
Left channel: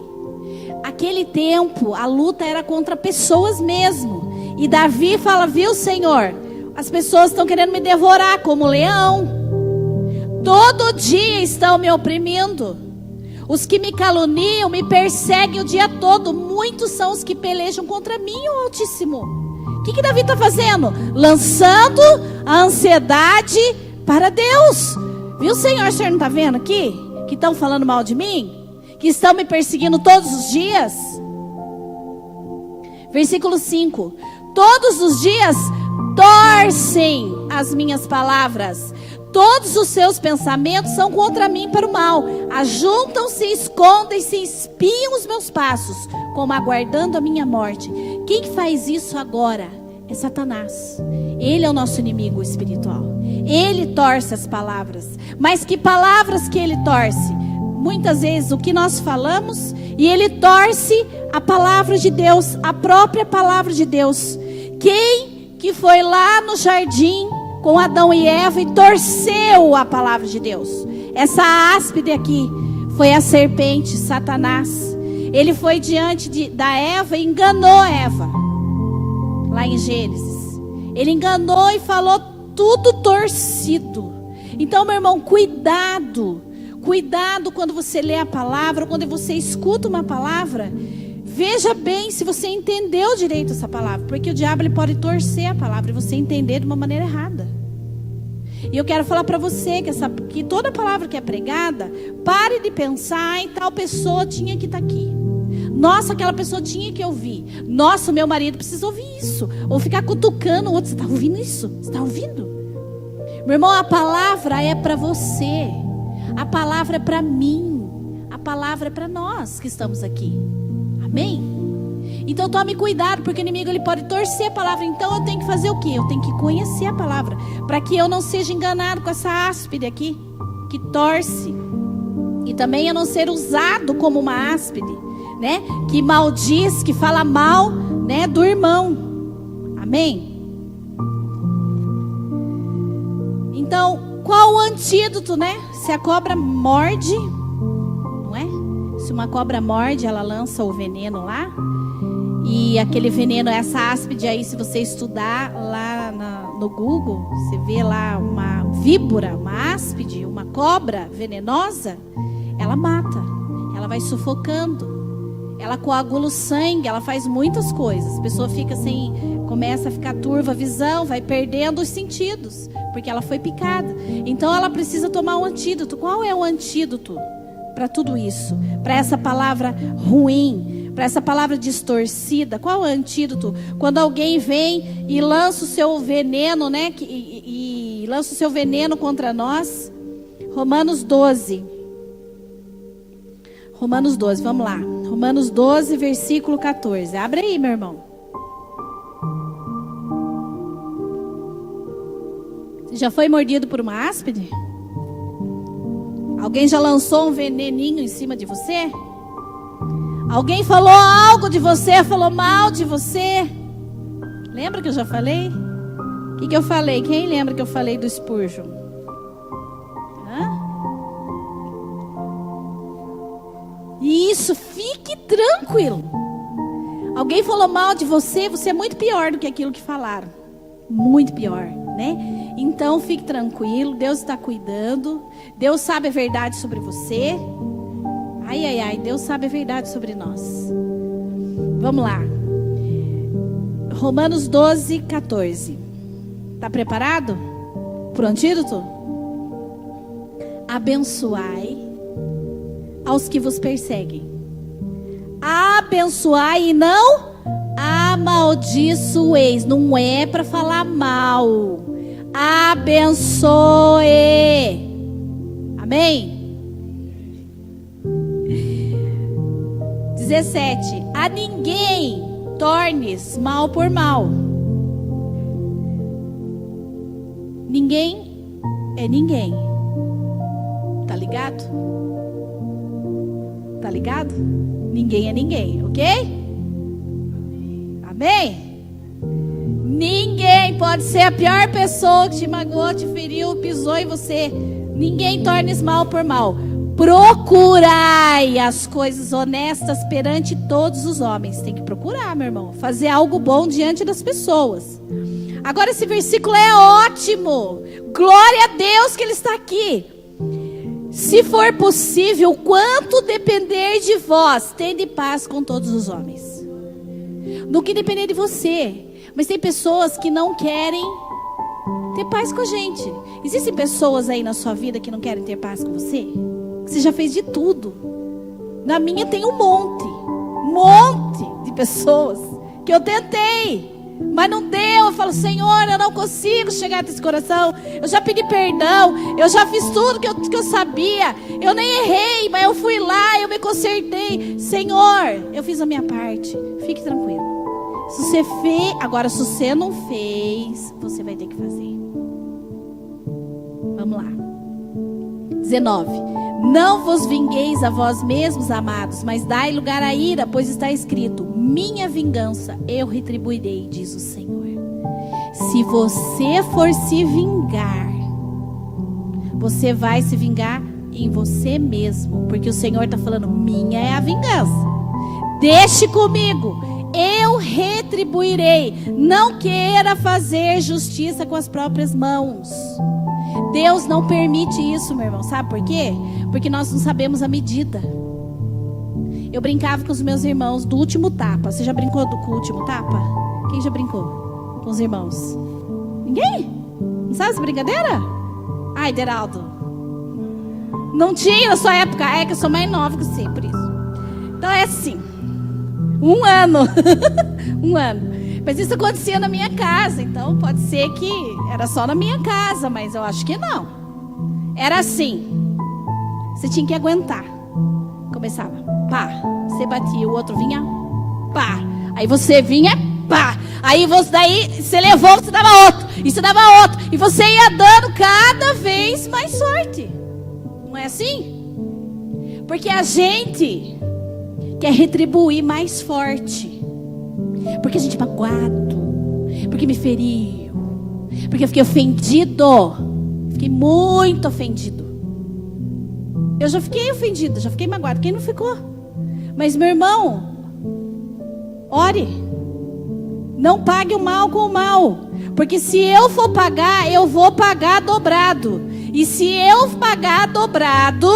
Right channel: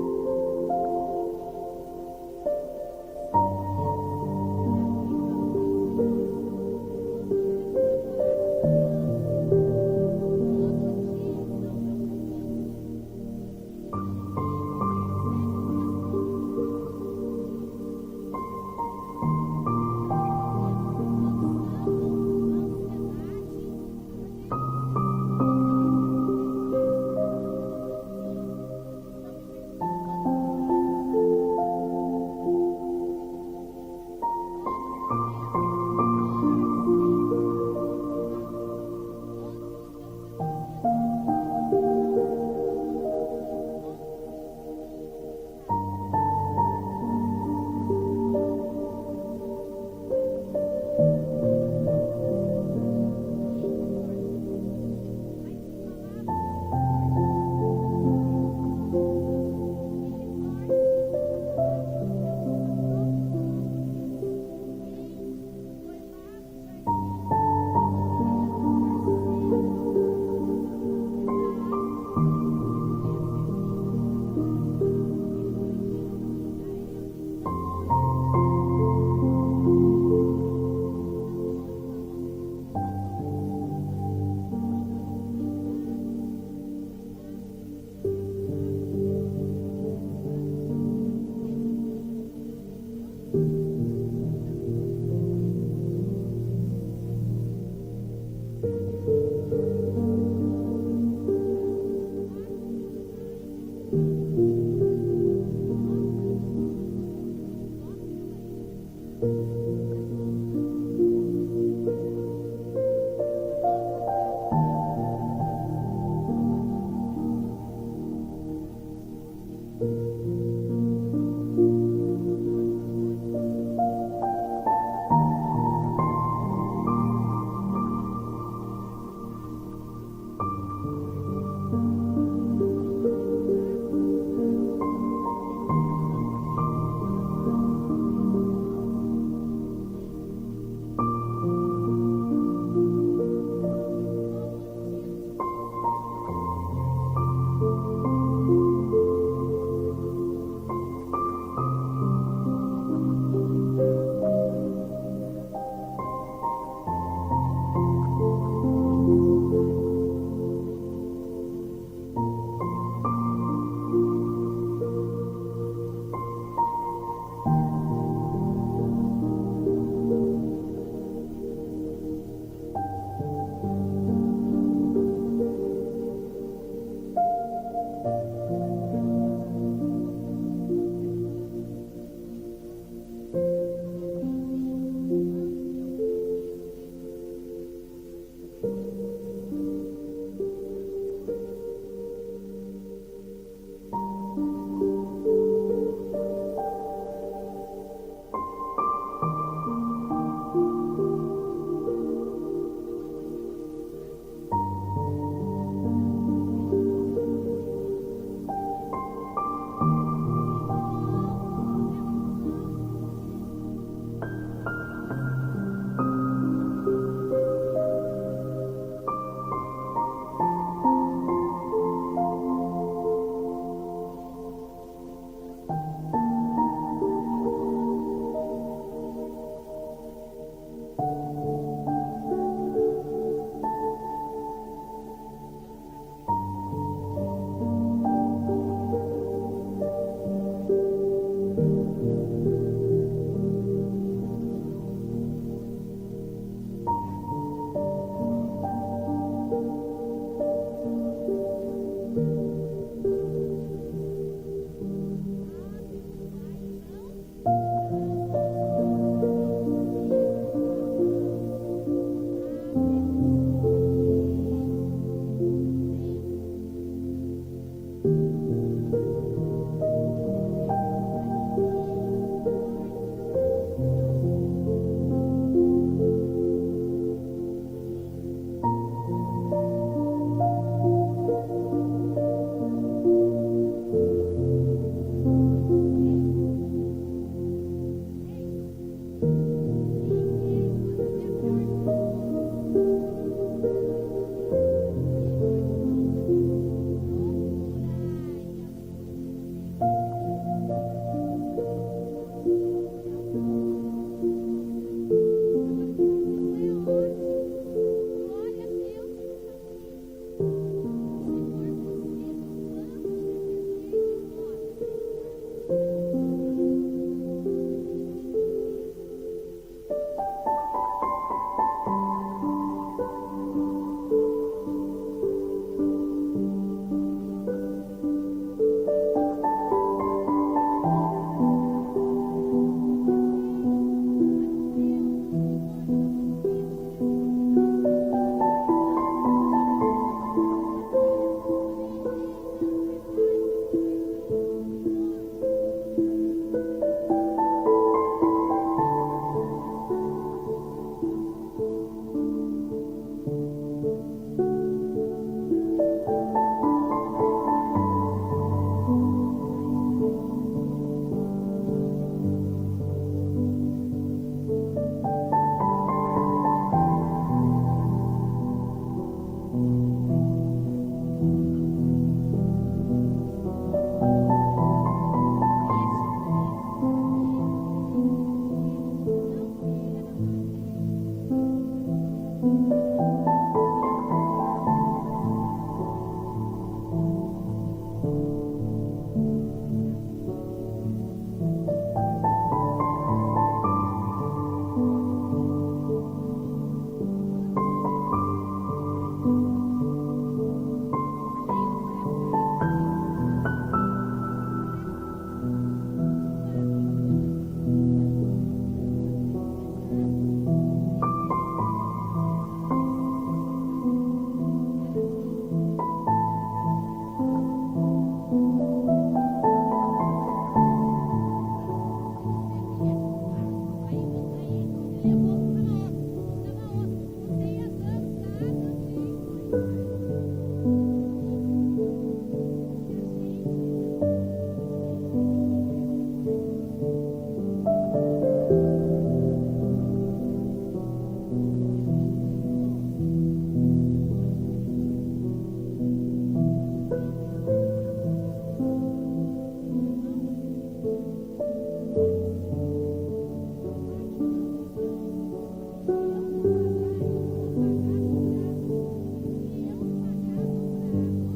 Aquele tempo, a luta era contra pessoas mesmo. E Davi fala: viu, Senhor, as pessoas estão querendo me devorar como leão. Todo dia estão me oprimindo. Os que me caluniam, me perseguem o dia todo. Muitos são os que pelejam contra mim, ó Altíssimo. O que Davi está fazendo? Lançando a ansiedade para Deus. Viu, Senhor? O Senhor não está vendo aqui? Que estão falando mal de mim? Que estão me perseguindo todos os dias? Versículo 5. Todos os dias torcem as minhas palavras. Todos os seus pensamentos são contra mim para o mal. Ajuntam-se, escondem-se, espiam os meus passos, como aguardando a minha morte. Quem faz isso agora é Satanás. Ele é o nosso inimigo espiritual. Ele torce as palavras. Mas que palavras que ele torce? Muitas vezes o que nós falamos, e ele torce a palavra de Deus, a própria palavra de Deus. Quem que foi lá no jardim com Adão e Eva e torceu a palavra de Deus? Essa áspide aqui foi a serpente, Satanás. Ele foi diante da Eva e enganou Eva. Lá em Gênesis. Ele enganou e falou tudo torcido. Então, meu irmão, cuidado. Cuidado quando você lê a palavra, quando você escuta uma palavra. Veja bem se você entendeu direito essa palavra. Porque o diabo ele pode torcer a palavra e você entender de uma maneira errada. E eu quero falar para você que toda palavra que é pregada, pare de pensar em tal pessoa tinha que estar aqui. Nossa, aquela pessoa tinha que ouvir. Nossa, meu marido precisa ouvir isso. Ou ficar cutucando o outro. Você está ouvindo isso? Você está ouvindo? Meu irmão, a palavra é para você. A palavra é para mim. A palavra é para nós que estamos aqui. Amém? Então tome cuidado, porque o inimigo ele pode torcer a palavra. Então eu tenho que fazer o quê? Eu tenho que conhecer a palavra, para que eu não seja enganado com essa áspide aqui, que torce. E também eu não ser usado como uma áspide, né? Que maldiz, que fala mal, né, do irmão. Amém? Então, qual o antídoto, né? Se a cobra morde, não é? Se uma cobra morde, ela lança o veneno lá. E aquele veneno, essa áspide aí, se você estudar lá no Google, você vê lá uma víbora, uma áspide, uma cobra venenosa, ela mata, ela vai sufocando, ela coagula o sangue, ela faz muitas coisas. A pessoa fica assim, começa a ficar turva a visão, vai perdendo os sentidos, porque ela foi picada. Então ela precisa tomar um antídoto. Qual é o antídoto para tudo isso? Para essa palavra ruim, para essa palavra distorcida? Qual é o antídoto? Quando alguém vem e lança o seu veneno, né? E lança o seu veneno contra nós. Romanos 12. Romanos 12, vamos lá. Romanos 12, versículo 14. Abre aí, meu irmão. Você já foi mordido por uma áspide? Alguém já lançou um veneninho em cima de você? Alguém falou algo de você, falou mal de você? Lembra que eu já falei? O que eu falei? Quem lembra que eu falei do Spurgeon? Isso, fique tranquilo. Alguém falou mal de você, você é muito pior do que aquilo que falaram. Muito pior, né? Então fique tranquilo, Deus está cuidando. Deus sabe a verdade sobre você. Ai, ai, ai, Deus sabe a verdade sobre nós. Vamos lá. Romanos 12, 14. Está preparado para o antídoto? Abençoai aos que vos perseguem. Abençoai e não amaldiçoeis. Não é para falar mal. Abençoe. Amém? 17. A ninguém tornes mal por mal. Ninguém é ninguém. Tá ligado? Tá ligado? Ninguém é ninguém, ok? Amém? Ninguém pode ser a pior pessoa que te magoou, te feriu, pisou em você. Ninguém tornes mal por mal. Procurai as coisas honestas perante todos os homens. Tem que procurar, meu irmão. Fazer algo bom diante das pessoas. Agora esse versículo é ótimo. Glória a Deus que ele está aqui. Se for possível, quanto depender de vós, tende paz com todos os homens. No que depender de você. Mas tem pessoas que não querem ter paz com a gente. Existem pessoas aí na sua vida que não querem ter paz com você? Você já fez de tudo. Na minha tem um monte de pessoas que eu tentei, mas não deu. Eu falo, Senhor, eu não consigo chegar nesse coração. Eu já pedi perdão, eu já fiz tudo que eu sabia. Eu nem errei, mas eu fui lá, eu me consertei. Senhor, eu fiz a minha parte. Fique tranquilo. Se você fez, agora se você não fez, você vai ter que fazer. Vamos lá. 19. Não vos vingueis a vós mesmos, amados, mas dai lugar à ira, pois está escrito: minha vingança eu retribuirei, diz o Senhor. Se você for se vingar, você vai se vingar em você mesmo, porque o Senhor está falando: minha é a vingança. Deixe comigo, eu retribuirei. Não queira fazer justiça com as próprias mãos. Deus não permite isso, meu irmão. Sabe por quê? Porque nós não sabemos a medida. Eu brincava com os meus irmãos do último tapa. Você já brincou com o último tapa? Quem já brincou com os irmãos? Ninguém? Não sabe essa brincadeira? Ai, Deraldo, não tinha na sua época. É que eu sou mais nova que você, por isso. Então é assim, 1 ano. 1 ano. Mas isso acontecia na minha casa. Então pode ser que era só na minha casa, mas eu acho que não. Era assim. Você tinha que aguentar. Começava, pá. Você batia, o outro vinha, pá. Aí você vinha, pá. Aí você levou, você dava outro. E você dava outro. E você ia dando cada vez mais sorte. Não é assim? Porque a gente quer retribuir mais forte. Porque a gente é magoado. Porque me feriu. Porque eu fiquei ofendido. Fiquei muito ofendido. Eu já fiquei ofendido, já fiquei magoado. Quem não ficou? Mas, meu irmão, ore. Não pague o mal com o mal. Porque se eu for pagar, eu vou pagar dobrado. E se eu pagar dobrado,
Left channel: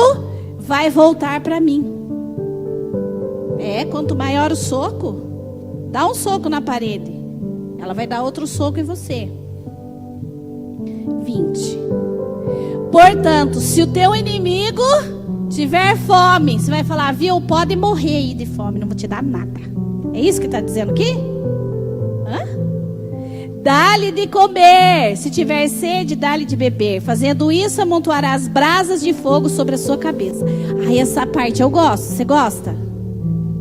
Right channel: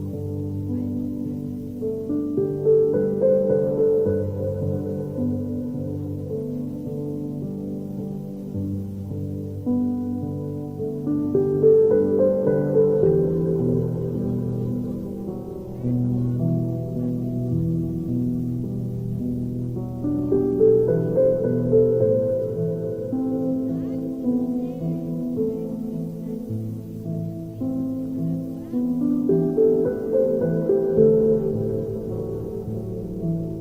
vai voltar para mim. Quanto maior o soco, dá um soco na parede. Ela vai dar outro soco em você. 20. Portanto, se o teu inimigo tiver fome, você vai falar, viu, pode morrer aí de fome, não vou te dar nada. É isso que está dizendo aqui? Dá-lhe de comer, se tiver sede, dá-lhe de beber. Fazendo isso, amontoarás brasas de fogo sobre a sua cabeça. Aí essa parte eu gosto. Você gosta?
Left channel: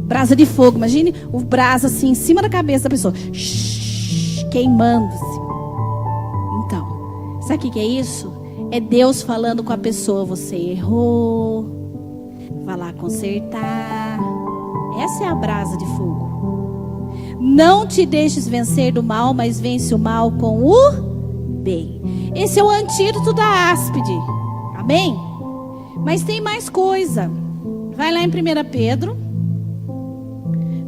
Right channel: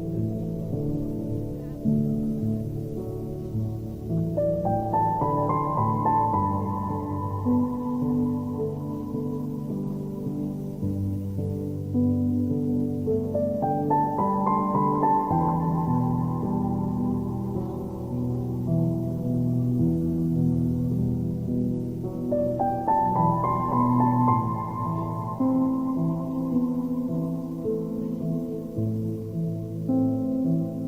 Brasa de fogo, imagine o brasa assim em cima da cabeça da pessoa, queimando-se. Então, sabe o que é isso? É Deus falando com a pessoa: você errou, vai lá consertar. Essa é a brasa de fogo. Não te deixes vencer do mal, mas vence o mal com o bem. Esse é o antídoto da áspide. Amém? Mas tem mais coisa. Vai lá em 1 Pedro.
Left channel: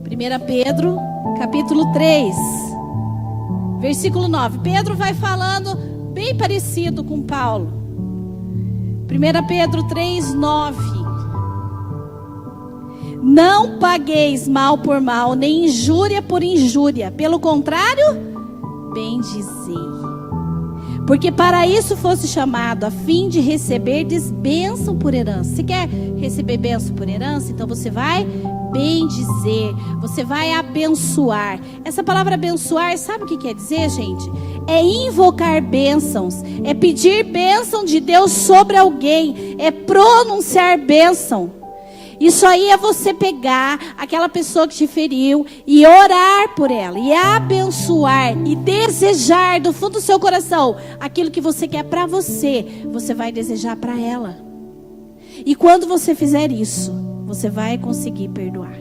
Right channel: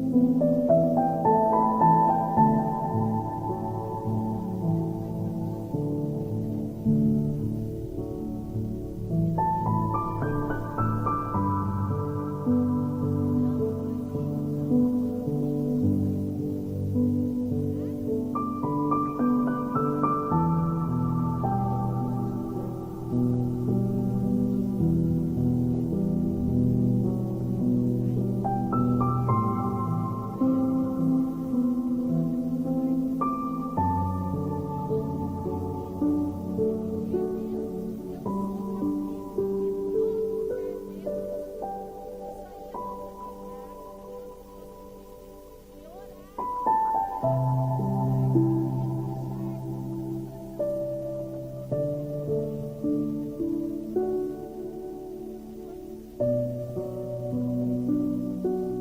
1 Pedro, capítulo 3, versículo 9. Pedro vai falando bem parecido com Paulo. 1 Pedro 3, 9. Não pagueis mal por mal, nem injúria por injúria. Pelo contrário, bendizei. Porque para isso fosse chamado, a fim de receberdes bênção por herança. Você quer receber bênção por herança? Então você vai bendizer, você vai abençoar. Essa palavra abençoar, sabe o que quer dizer, gente? É invocar bênçãos, é pedir bênção de Deus sobre alguém, é pronunciar bênção. Isso aí é você pegar aquela pessoa que te feriu e orar por ela, e abençoar, e desejar do fundo do seu coração aquilo que você quer para você, você vai desejar para ela. E quando você fizer isso, você vai conseguir perdoar.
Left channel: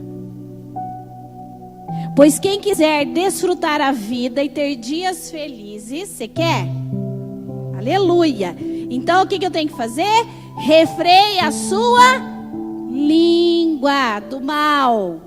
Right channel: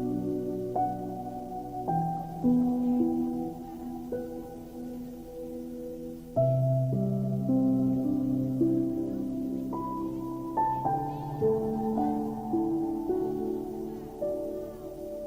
Pois quem quiser desfrutar a vida e ter dias felizes, você quer? Aleluia! Então o que eu tenho que fazer? Refreie a sua língua do mal.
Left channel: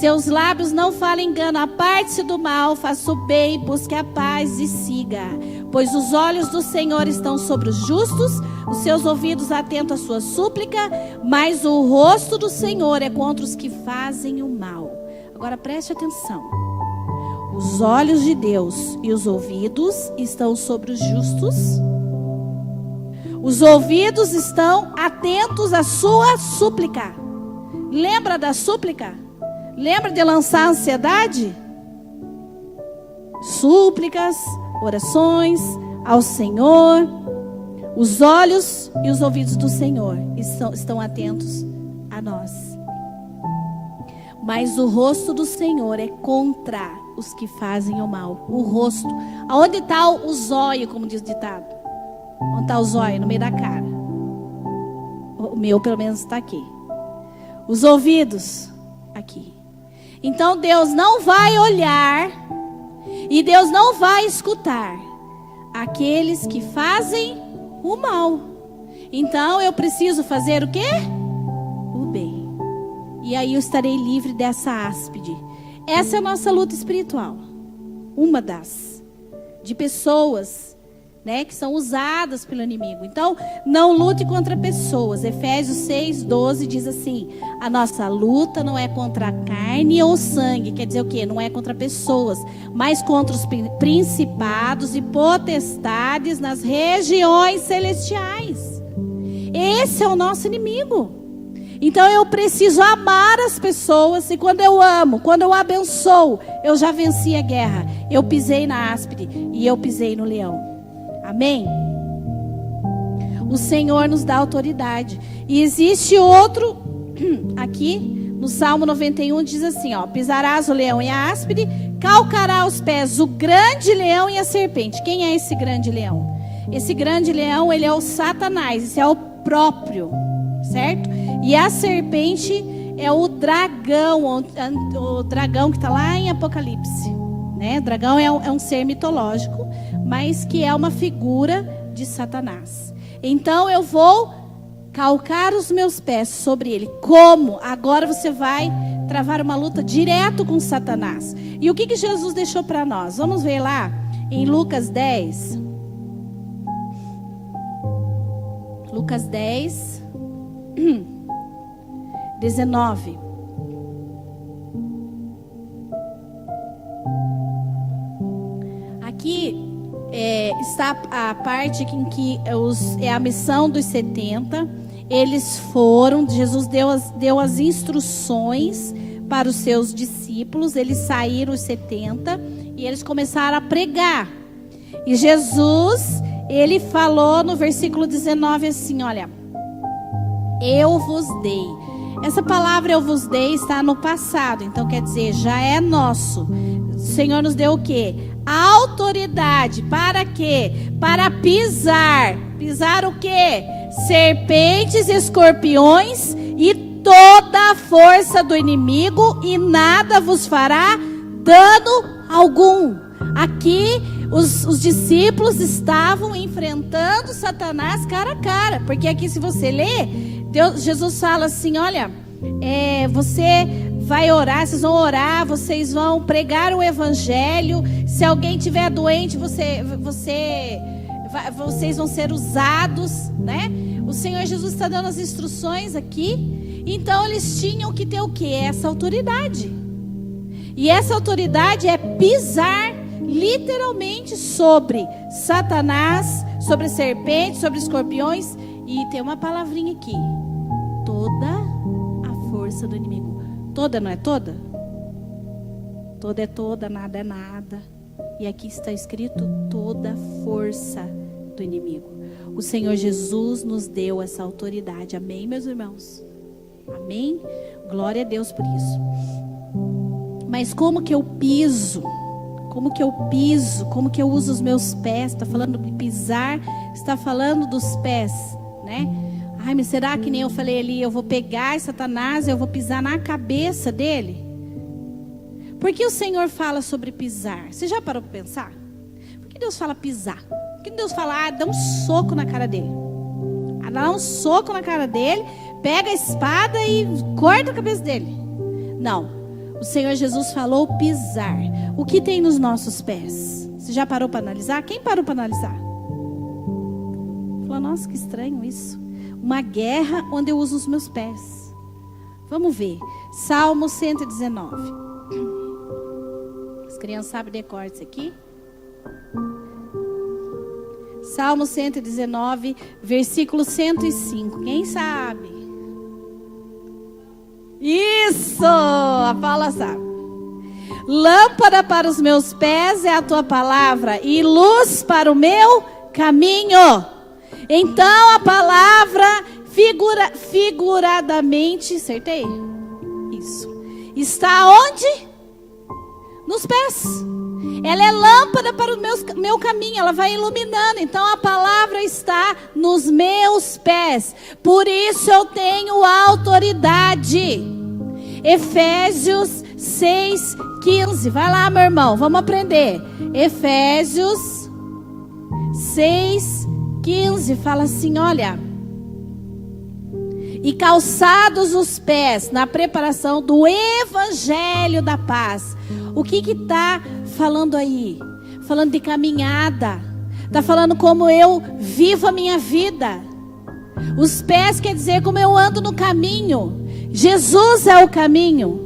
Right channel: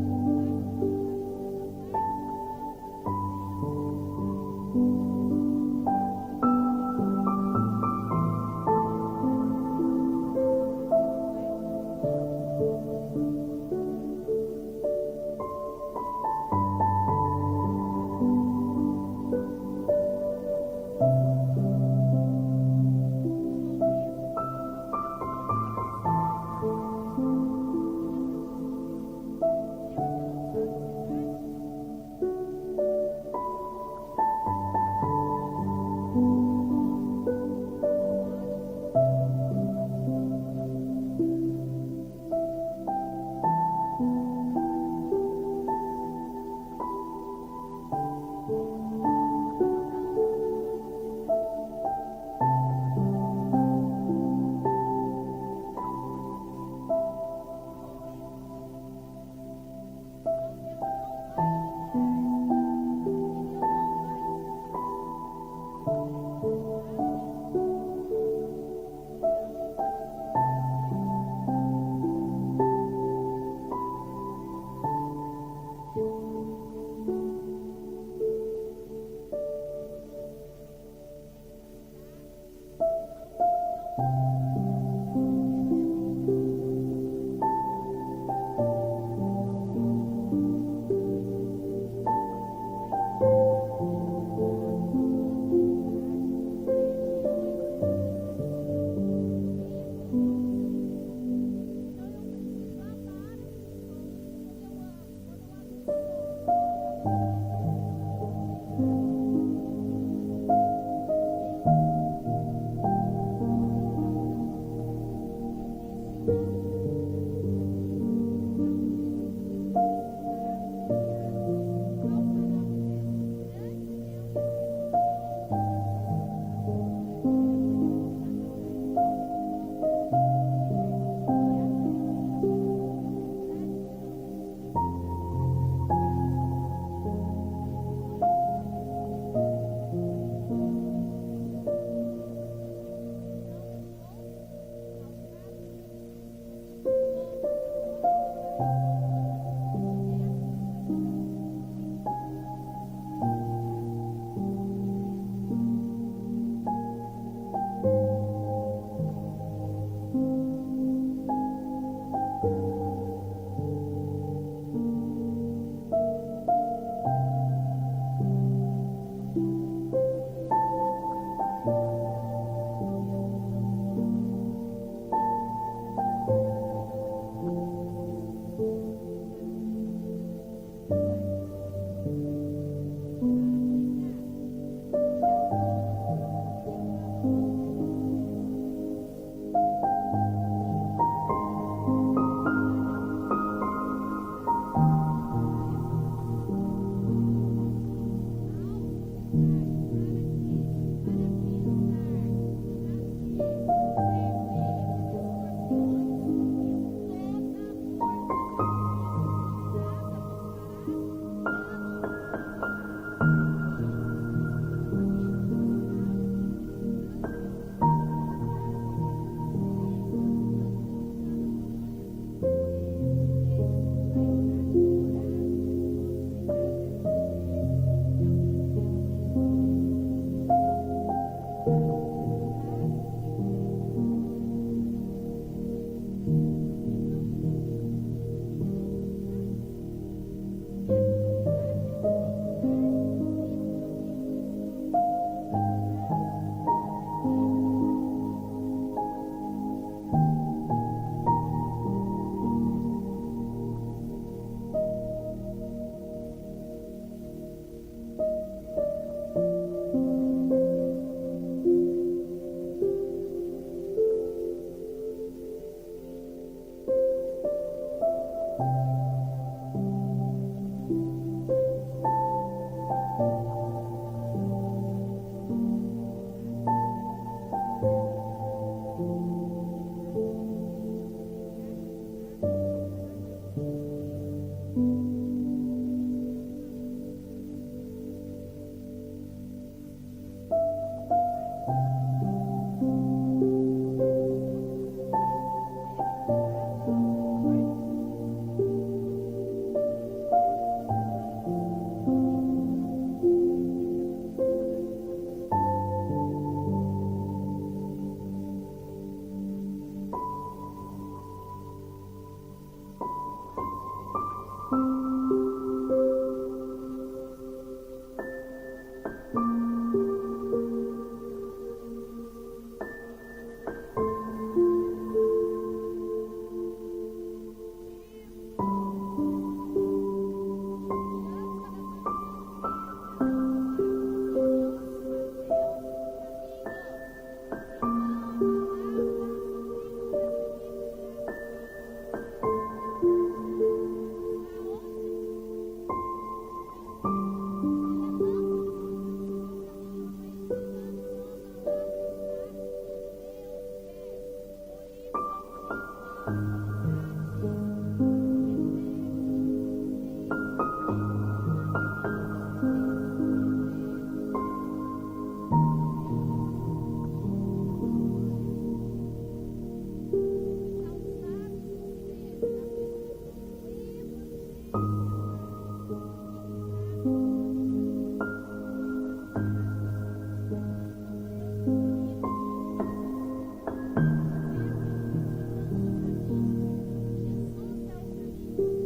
Seus lábios não falem engano, aparte-se do mal, faça o bem, busque a paz e siga. Pois os olhos do Senhor estão sobre os justos, os seus ouvidos atentos à sua súplica, mas o rosto do Senhor é contra os que fazem o mal. Agora preste atenção. Os olhos de Deus e os ouvidos estão sobre os justos. Os ouvidos estão atentos à sua súplica. Lembra da súplica? Lembra de lançar a ansiedade? Súplicas, orações ao Senhor. Os olhos e os ouvidos do Senhor estão atentos a nós. Mas o rosto do Senhor é contra os que fazem o mal. O rosto. Aonde está o zóio, como diz o ditado? Onde está o zóio? No meio da cara. O meu, pelo menos, está aqui. Os ouvidos, aqui. Então, Deus não vai olhar e Deus não vai escutar aqueles que fazem o mal. Então, eu preciso fazer o quê? O bem. E aí eu estarei livre dessa áspide. Essa é a nossa luta espiritual. Uma das. De pessoas, né, que são usadas pelo inimigo. Então, não lute contra pessoas. Efésios 6:12 diz assim: a nossa luta não é contra a carne ou sangue. Quer dizer o quê? Não é contra pessoas, mas contra os principados e potestades nas regiões celestiais. Esse é o nosso inimigo. Então eu preciso amar as pessoas, e quando eu amo, quando eu abençoo, eu já venci a guerra. Eu pisei na áspide e eu pisei no leão. Amém? O Senhor nos dá autoridade. E existe outro, aqui no Salmo 91 diz assim, ó: pisarás o leão e a áspide, calcará aos pés o grande leão e a serpente. Quem é esse grande leão? Esse grande leão, ele é o Satanás, esse é o próprio, certo? E a serpente é o dragão que está lá em Apocalipse, né? O dragão é um ser mitológico, mas que é uma figura de Satanás. Então eu vou calcar os meus pés sobre ele. Como? Agora você vai travar uma luta direto com Satanás. E o que Jesus deixou para nós? Vamos ver lá em Lucas 10. Lucas 10, 19. Aqui está a parte em que é a missão dos 70. Eles foram, Jesus deu as instruções para os seus discípulos. Eles saíram os 70 e eles começaram a pregar. E Jesus, ele falou no versículo 19 assim, olha: eu vos dei. Essa palavra eu vos dei está no passado, então quer dizer, já é nosso. O Senhor nos deu o quê? A autoridade. Para quê? Para pisar. Pisar o quê? Serpentes, escorpiões e toda a força do inimigo, e nada vos fará dano algum. Aqui os discípulos estavam enfrentando Satanás cara a cara. Porque aqui, se você ler, Jesus fala assim, olha, você vai orar, vocês vão orar, vocês vão pregar o evangelho. Se alguém tiver doente, vocês vão ser usados, né? O Senhor Jesus está dando as instruções aqui. Então eles tinham que ter o quê? Essa autoridade. E essa autoridade é pisar literalmente sobre Satanás, sobre serpentes, sobre escorpiões. E tem uma palavrinha aqui: toda a força do inimigo. Toda, não é toda? Toda é toda, nada é nada. E aqui está escrito toda a força do inimigo. O Senhor Jesus nos deu essa autoridade. Amém, meus irmãos? Amém? Glória a Deus por isso. Mas como que eu piso? Como que eu piso? Como que eu uso os meus pés? Está falando de pisar, está falando dos pés, né? Ai, mas será que nem eu falei ali, eu vou pegar Satanás e eu vou pisar na cabeça dele? Por que o Senhor fala sobre pisar? Você já parou para pensar? Por que Deus fala pisar? Por que Deus fala, dá um soco na cara dele? Dá um soco na cara dele, pega a espada e corta a cabeça dele. Não. O Senhor Jesus falou pisar. O que tem nos nossos pés? Você já parou para analisar? Quem parou para analisar? Falou, nossa, que estranho isso. Uma guerra onde eu uso os meus pés. Vamos ver. Salmo 119. As crianças sabem decorar isso aqui? Salmo 119, versículo 105. Quem sabe? Isso! A Paula sabe. Lâmpada para os meus pés é a tua palavra e luz para o meu caminho. Então a palavra figuradamente, acertei? Isso. Está onde? Nos pés. Ela é lâmpada para o meu caminho, ela vai iluminando. Então a palavra está nos meus pés. Por isso eu tenho autoridade. Efésios 6:15. Vai lá, meu irmão, vamos aprender. Efésios 6:15 fala assim, olha: e calçados os pés na preparação do evangelho da paz. O que está falando aí? Falando de caminhada. Está falando como eu vivo a minha vida. Os pés quer dizer como eu ando no caminho. Jesus é o caminho.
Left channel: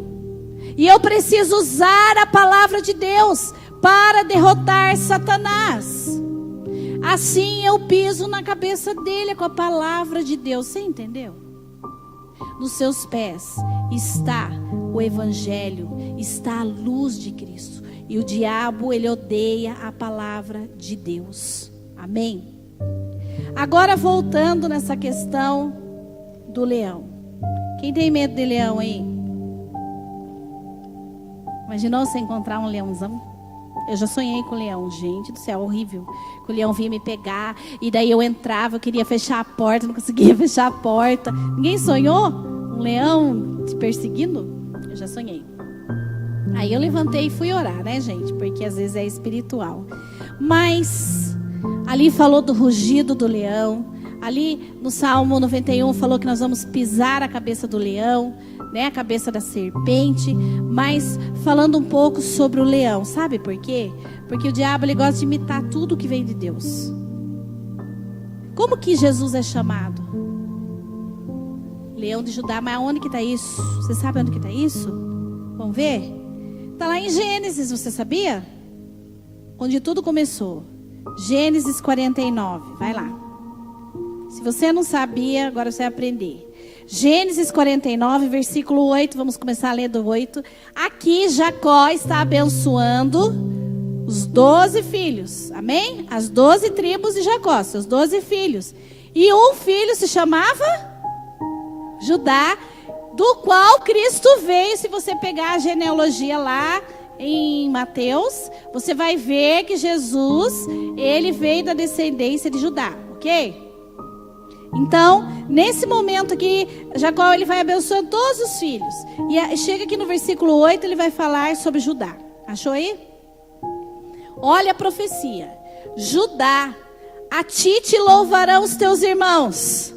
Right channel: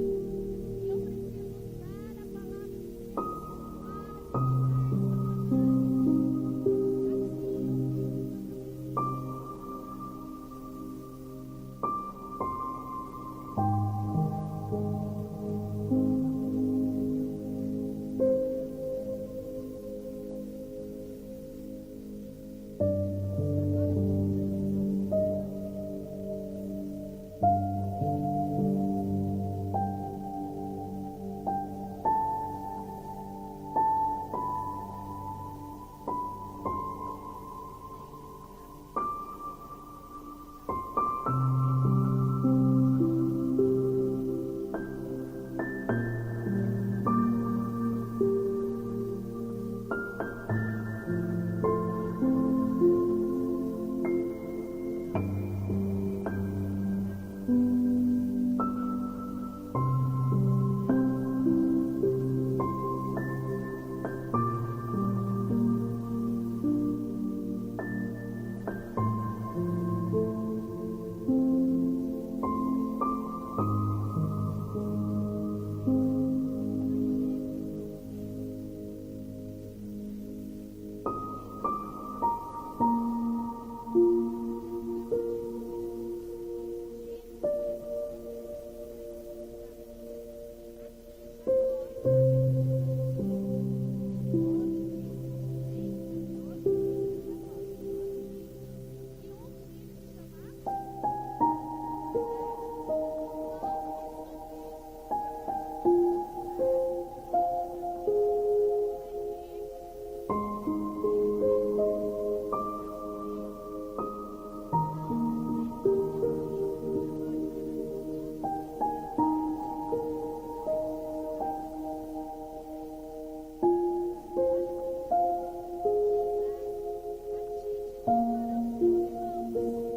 E eu preciso usar a palavra de Deus para derrotar Satanás. Assim eu piso na cabeça dele com a palavra de Deus. Você entendeu? Nos seus pés está o evangelho, está a luz de Cristo. E o diabo, ele odeia a palavra de Deus. Amém? Agora voltando nessa questão do leão. Quem tem medo de leão aí? Imaginou você encontrar um leãozão? Eu já sonhei com o leão, gente do céu, horrível. Que o leão vinha me pegar, e daí eu entrava, eu queria fechar a porta, não conseguia fechar a porta. Ninguém sonhou? Um leão te perseguindo? Eu já sonhei. Aí eu levantei e fui orar, né, gente? Porque às vezes é espiritual. Mas ali falou do rugido do leão. Ali no Salmo 91 falou que nós vamos pisar a cabeça do leão, né, a cabeça da serpente. Mas falando um pouco sobre o leão, sabe por quê? Porque o diabo, ele gosta de imitar tudo que vem de Deus. Como que Jesus é chamado? Leão de Judá. Mas onde que está isso? Você sabe onde que está isso? Vamos ver? Está lá em Gênesis, você sabia? Onde tudo começou. Gênesis 49, vai lá. Se você não sabia, agora você vai aprender. Gênesis 49, versículo 8. Vamos começar a ler do 8. Aqui Jacó está abençoando os 12 filhos. Amém? As 12 tribos de Jacó, seus 12 filhos. E um filho se chamava Judá, do qual Cristo veio. Se você pegar a genealogia lá em Mateus, você vai ver que Jesus, ele veio da descendência de Judá, ok? Então, nesse momento aqui, Jacó, ele vai abençoando todos os filhos. E chega aqui no versículo 8, ele vai falar sobre Judá. Achou aí? Olha a profecia. Judá, a ti te louvarão os teus irmãos.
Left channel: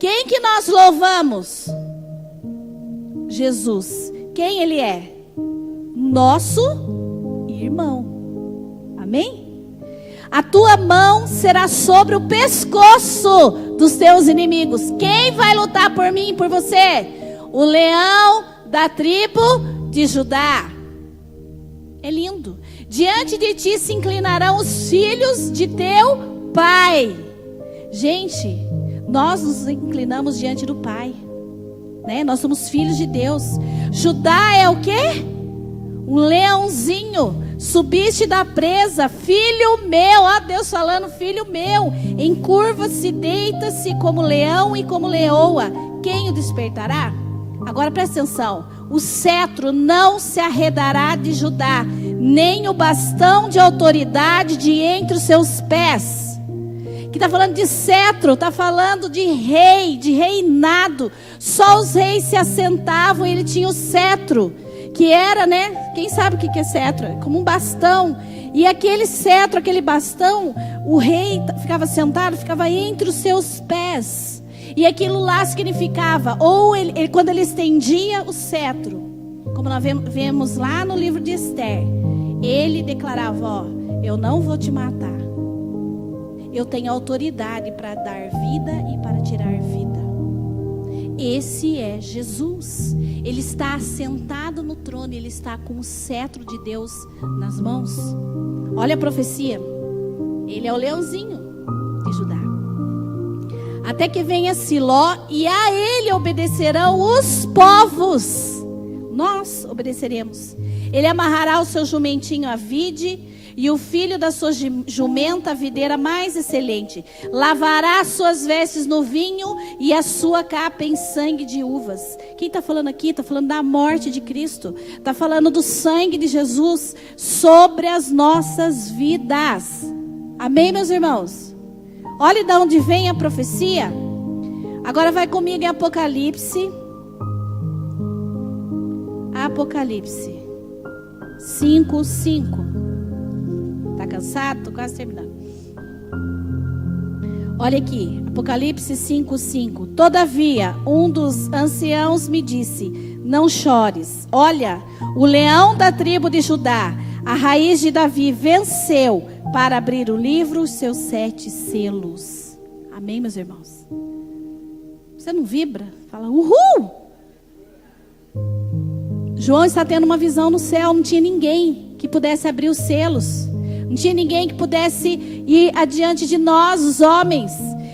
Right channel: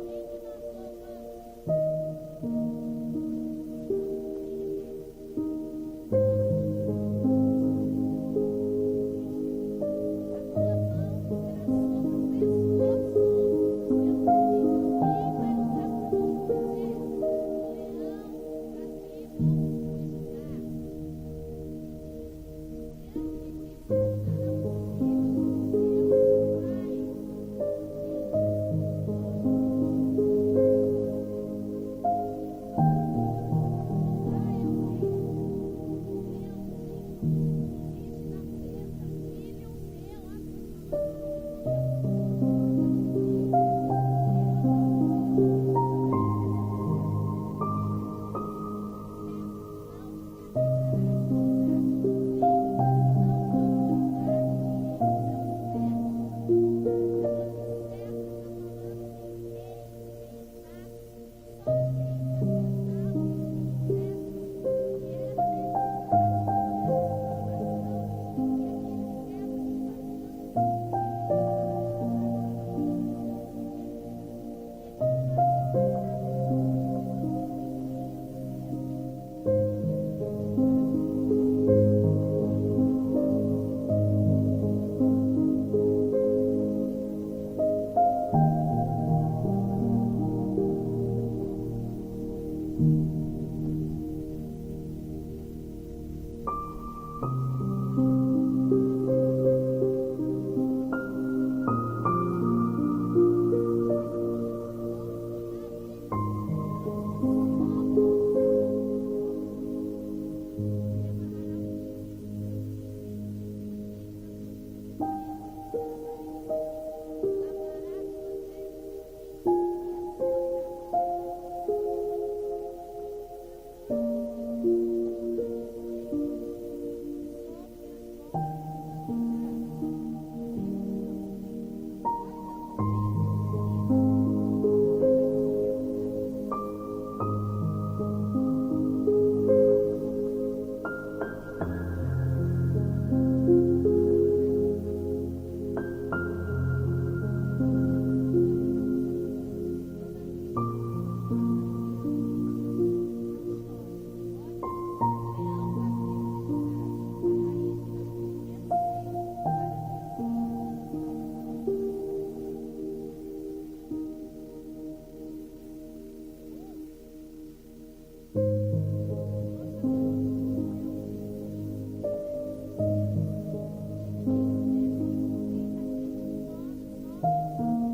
Quem que nós louvamos? Jesus. Quem ele é? Nosso irmão. Amém? A tua mão será sobre o pescoço dos teus inimigos. Quem vai lutar por mim e por você? O leão da tribo de Judá. É lindo. Diante de ti se inclinarão os filhos de teu pai. Gente, nós nos inclinamos diante do Pai, né? Nós somos filhos de Deus. Judá é o quê? Um leãozinho. Subiste da presa, filho meu. Ó, Deus falando, filho meu. Encurva-se, deita-se como leão e como leoa. quem o despertará? Agora presta atenção. O cetro não se arredará de Judá, nem o bastão de autoridade de entre os seus pés. Que está falando de cetro, está falando de rei, de reinado. Só os reis se assentavam e ele tinha o cetro, que era, né? Quem sabe o que é cetro? É como um bastão. E aquele cetro, aquele bastão, o rei ficava sentado, ficava entre os seus pés. E aquilo lá significava, ou ele, quando ele estendia o cetro, como nós vemos lá no livro de Esther, ele declarava, ó, eu não vou te matar. Eu tenho autoridade para dar vida e para tirar vida. Esse é Jesus. Ele está assentado no trono, ele está com o cetro de Deus nas mãos. Olha a profecia. Ele é o leãozinho de Judá. Até que venha Siló, e a ele obedecerão os povos. Nós obedeceremos. Ele amarrará o seu jumentinho à vide, e o filho da sua jumenta à videira mais excelente. Lavará suas vestes no vinho, e a sua capa em sangue de uvas. Quem está falando aqui? Está falando da morte de Cristo. Está falando do sangue de Jesus sobre as nossas vidas. Amém, meus irmãos? Olha de onde vem a profecia. Agora vai comigo em Apocalipse. Apocalipse 5:5. Tá cansado? Tô quase terminando. Olha aqui, Apocalipse 5:5. Todavia, um dos anciãos me disse: não chores. Olha, o leão da tribo de Judá, a raiz de Davi, venceu para abrir o livro, os seus 7 selos. Amém, meus irmãos? Você não vibra? Fala, uhul! João está tendo uma visão no céu. Não tinha ninguém que pudesse abrir os selos. Não tinha ninguém que pudesse ir adiante de nós, os homens.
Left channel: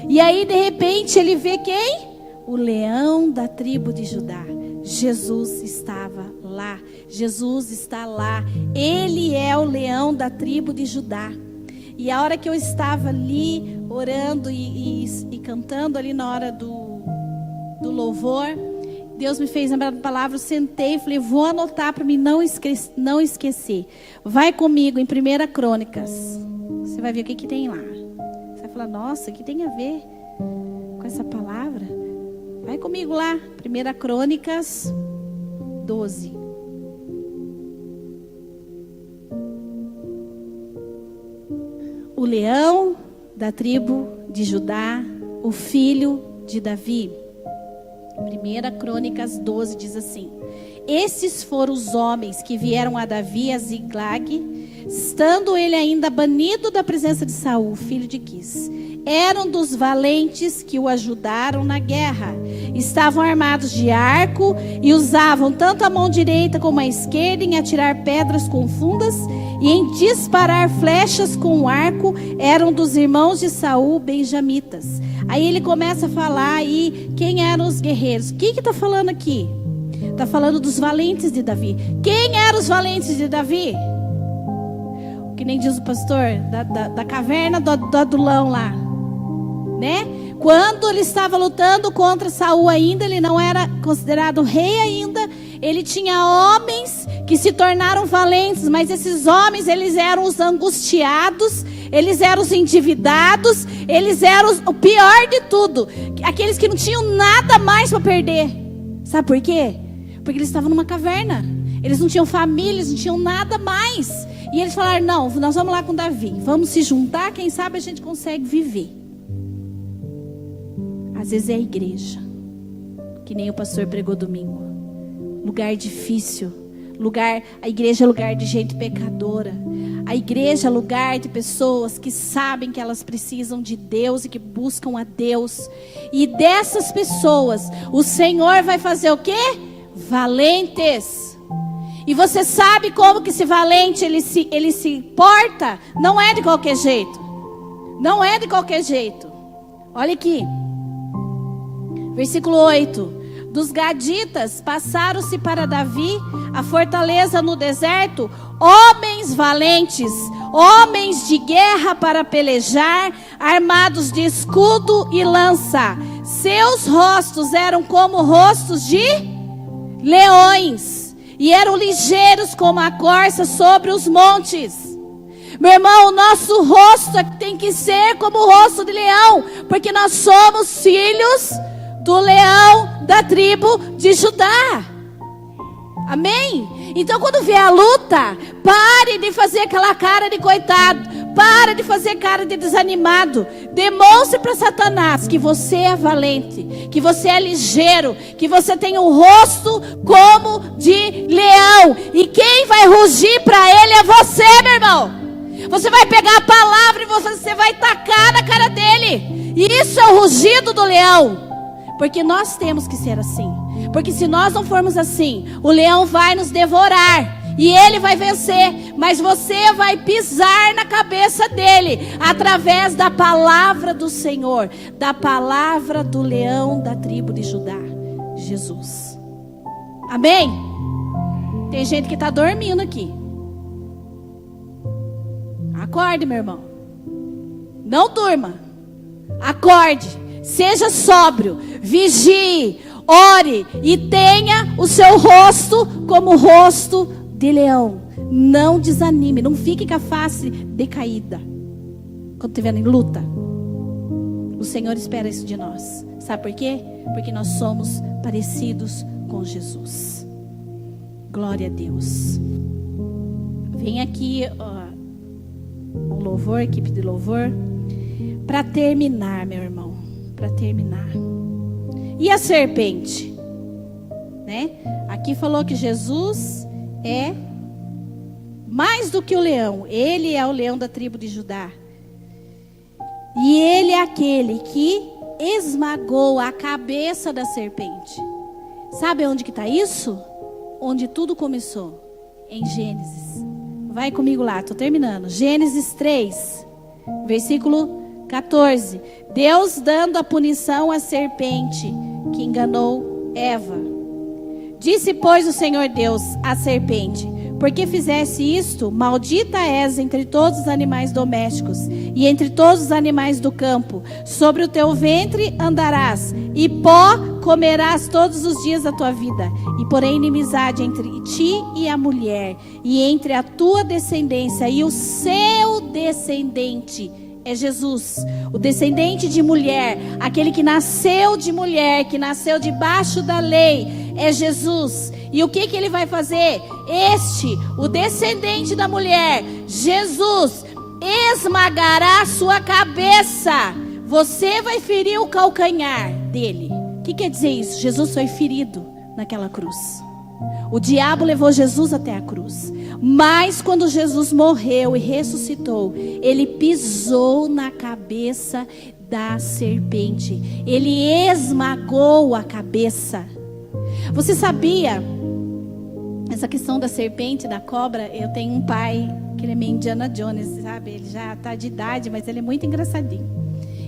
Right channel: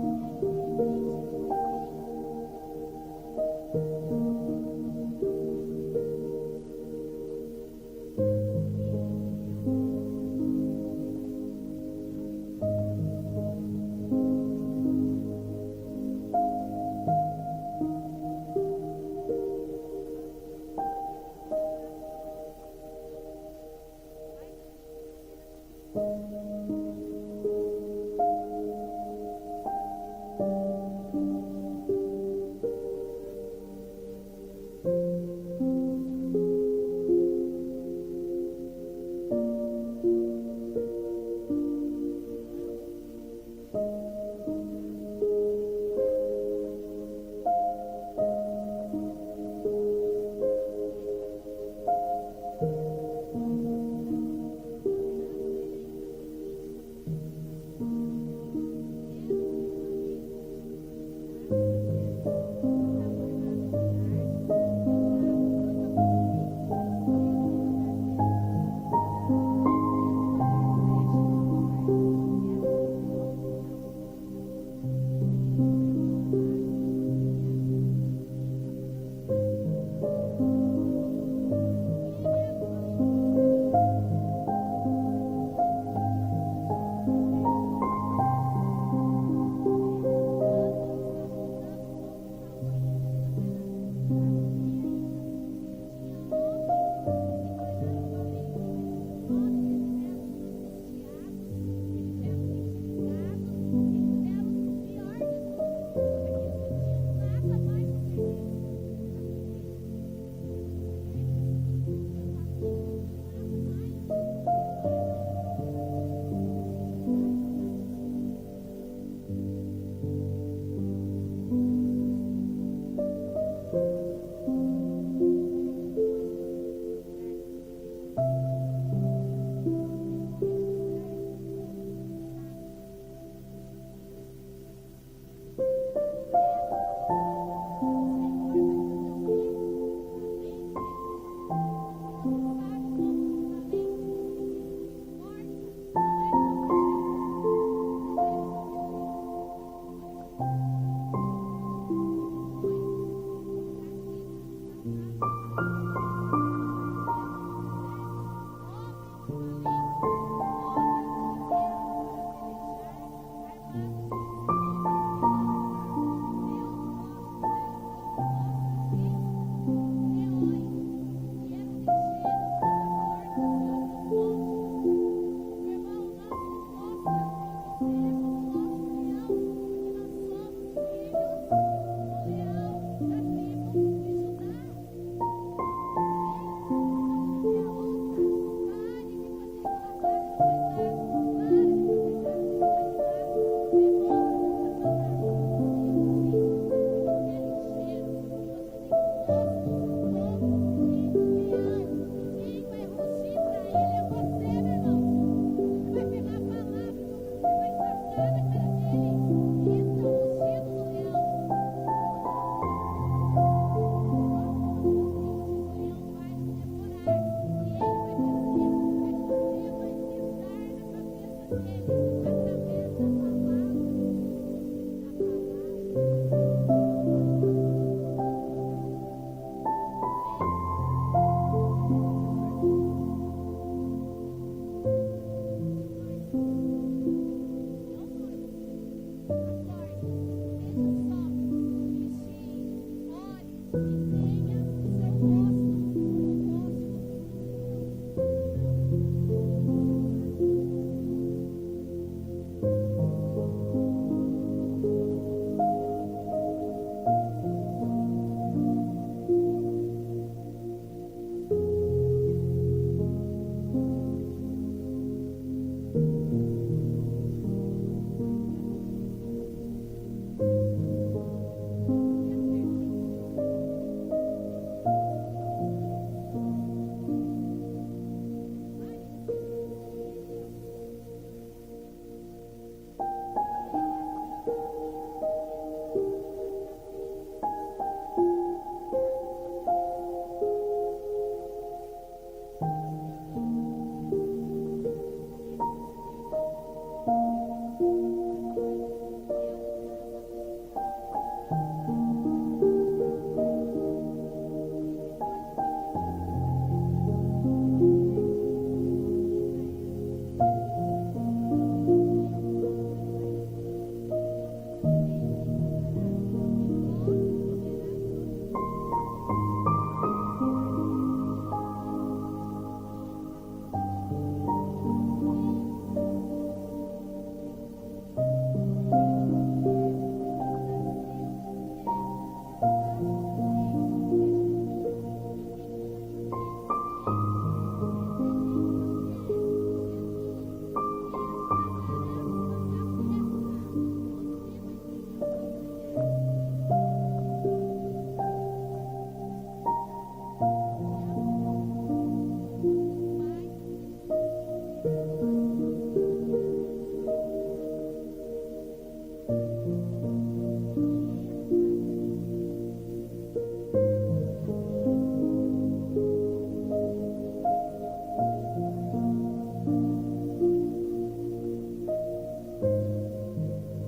E aí, de repente, ele vê quem? O leão da tribo de Judá. Jesus estava lá. Jesus está lá. Ele é o leão da tribo de Judá. E a hora que eu estava ali orando e cantando ali na hora do louvor, Deus me fez lembrar da palavra. Eu sentei e falei, vou anotar para mim não esquecer. Vai comigo em 1 Crônicas. Você vai ver o que tem lá. Você vai falar, nossa, o que tem a ver com essa palavra? Vai comigo lá, 1 Crônicas 12. O leão da tribo de Judá, o filho de Davi. 1 Crônicas 12 diz assim: esses foram os homens que vieram a Davi a Ziklag, estando ele ainda banido da presença de Saul, filho de Quis. Eram dos valentes que o ajudaram na guerra. Estavam armados de arco e usavam tanto a mão direita como a esquerda em atirar pedras com fundas e em disparar flechas com o arco. Eram dos irmãos de Saul, benjamitas. Aí ele começa a falar aí quem eram os guerreiros. O que está falando aqui? Está falando dos valentes de Davi. Quem eram os valentes de Davi? Que nem diz o pastor, da caverna do adulão lá, né? Quando ele estava lutando contra Saul ainda, ele não era considerado rei ainda. Ele tinha homens que se tornaram valentes, mas esses homens, eles eram os angustiados, eles eram os endividados, eles eram o pior de tudo, aqueles que não tinham nada mais para perder. Sabe por quê? Porque eles estavam numa caverna. Eles não tinham família, eles não tinham nada mais. E eles falaram, não, nós vamos lá com Davi. Vamos se juntar, quem sabe a gente consegue viver. Às vezes é a igreja. Que nem o pastor pregou domingo. Lugar difícil. A igreja é lugar de gente pecadora. A igreja é lugar de pessoas que sabem que elas precisam de Deus e que buscam a Deus. E dessas pessoas, o Senhor vai fazer o quê? Valentes. E você sabe como que esse valente ele se porta? Não é de qualquer jeito. Não é de qualquer jeito. Olha aqui. Versículo 8. Dos gaditas passaram-se para Davi a fortaleza no deserto, homens valentes, homens de guerra para pelejar, armados de escudo e lança. Seus rostos eram como rostos de leões, e eram ligeiros como a corça sobre os montes. Meu irmão, o nosso rosto tem que ser como o rosto de leão, porque nós somos filhos do leão da tribo de Judá. Amém? Então quando vier a luta, pare de fazer aquela cara de coitado, pare de fazer cara de desanimado. Demonstre para Satanás que você é valente, que você é ligeiro, que você tem um rosto como de leão. E quem vai rugir para ele é você, meu irmão. Você vai pegar a palavra e você vai tacar na cara dele. E isso é o rugido do leão. Porque nós temos que ser assim. Porque se nós não formos assim, o leão vai nos devorar e ele vai vencer, mas você vai pisar na cabeça dele através da palavra do Senhor, da palavra do leão da tribo de Judá, Jesus. Amém? Tem gente que está dormindo aqui. Acorde, meu irmão. Não durma. Acorde. Seja sóbrio. Vigie. Ore e tenha o seu rosto como o rosto de leão. Não desanime, não fique com a face decaída quando estiver em luta. O Senhor espera isso de nós. Sabe por quê? Porque nós somos parecidos com Jesus. Glória a Deus. Vem aqui o louvor, a equipe de louvor, para terminar, meu irmão. Para terminar. E a serpente, né? Aqui falou que Jesus é mais do que o leão. Ele é o leão da tribo de Judá. E ele é aquele que esmagou a cabeça da serpente. Sabe onde que está isso? Onde tudo começou. Em Gênesis. Vai comigo lá, estou terminando. Gênesis 3, versículo 14. Deus dando a punição à serpente que enganou Eva. Disse, pois, o Senhor Deus à serpente: porque fizesse isto, maldita és entre todos os animais domésticos e entre todos os animais do campo. Sobre o teu ventre andarás, e pó comerás todos os dias da tua vida. E porém inimizade entre ti e a mulher, e entre a tua descendência e o seu descendente. É Jesus, o descendente de mulher, aquele que nasceu de mulher, que nasceu debaixo da lei, é Jesus. E o que ele vai fazer? O descendente da mulher, Jesus, esmagará a sua cabeça. Você vai ferir o calcanhar dele. O que quer dizer isso? Jesus foi ferido naquela cruz. O diabo levou Jesus até a cruz. Mas quando Jesus morreu e ressuscitou, ele pisou na cabeça da serpente. Ele esmagou a cabeça. Você sabia? Essa questão da serpente, da cobra, eu tenho um pai que ele é meio Indiana Jones, sabe? Ele já está de idade, mas ele é muito engraçadinho.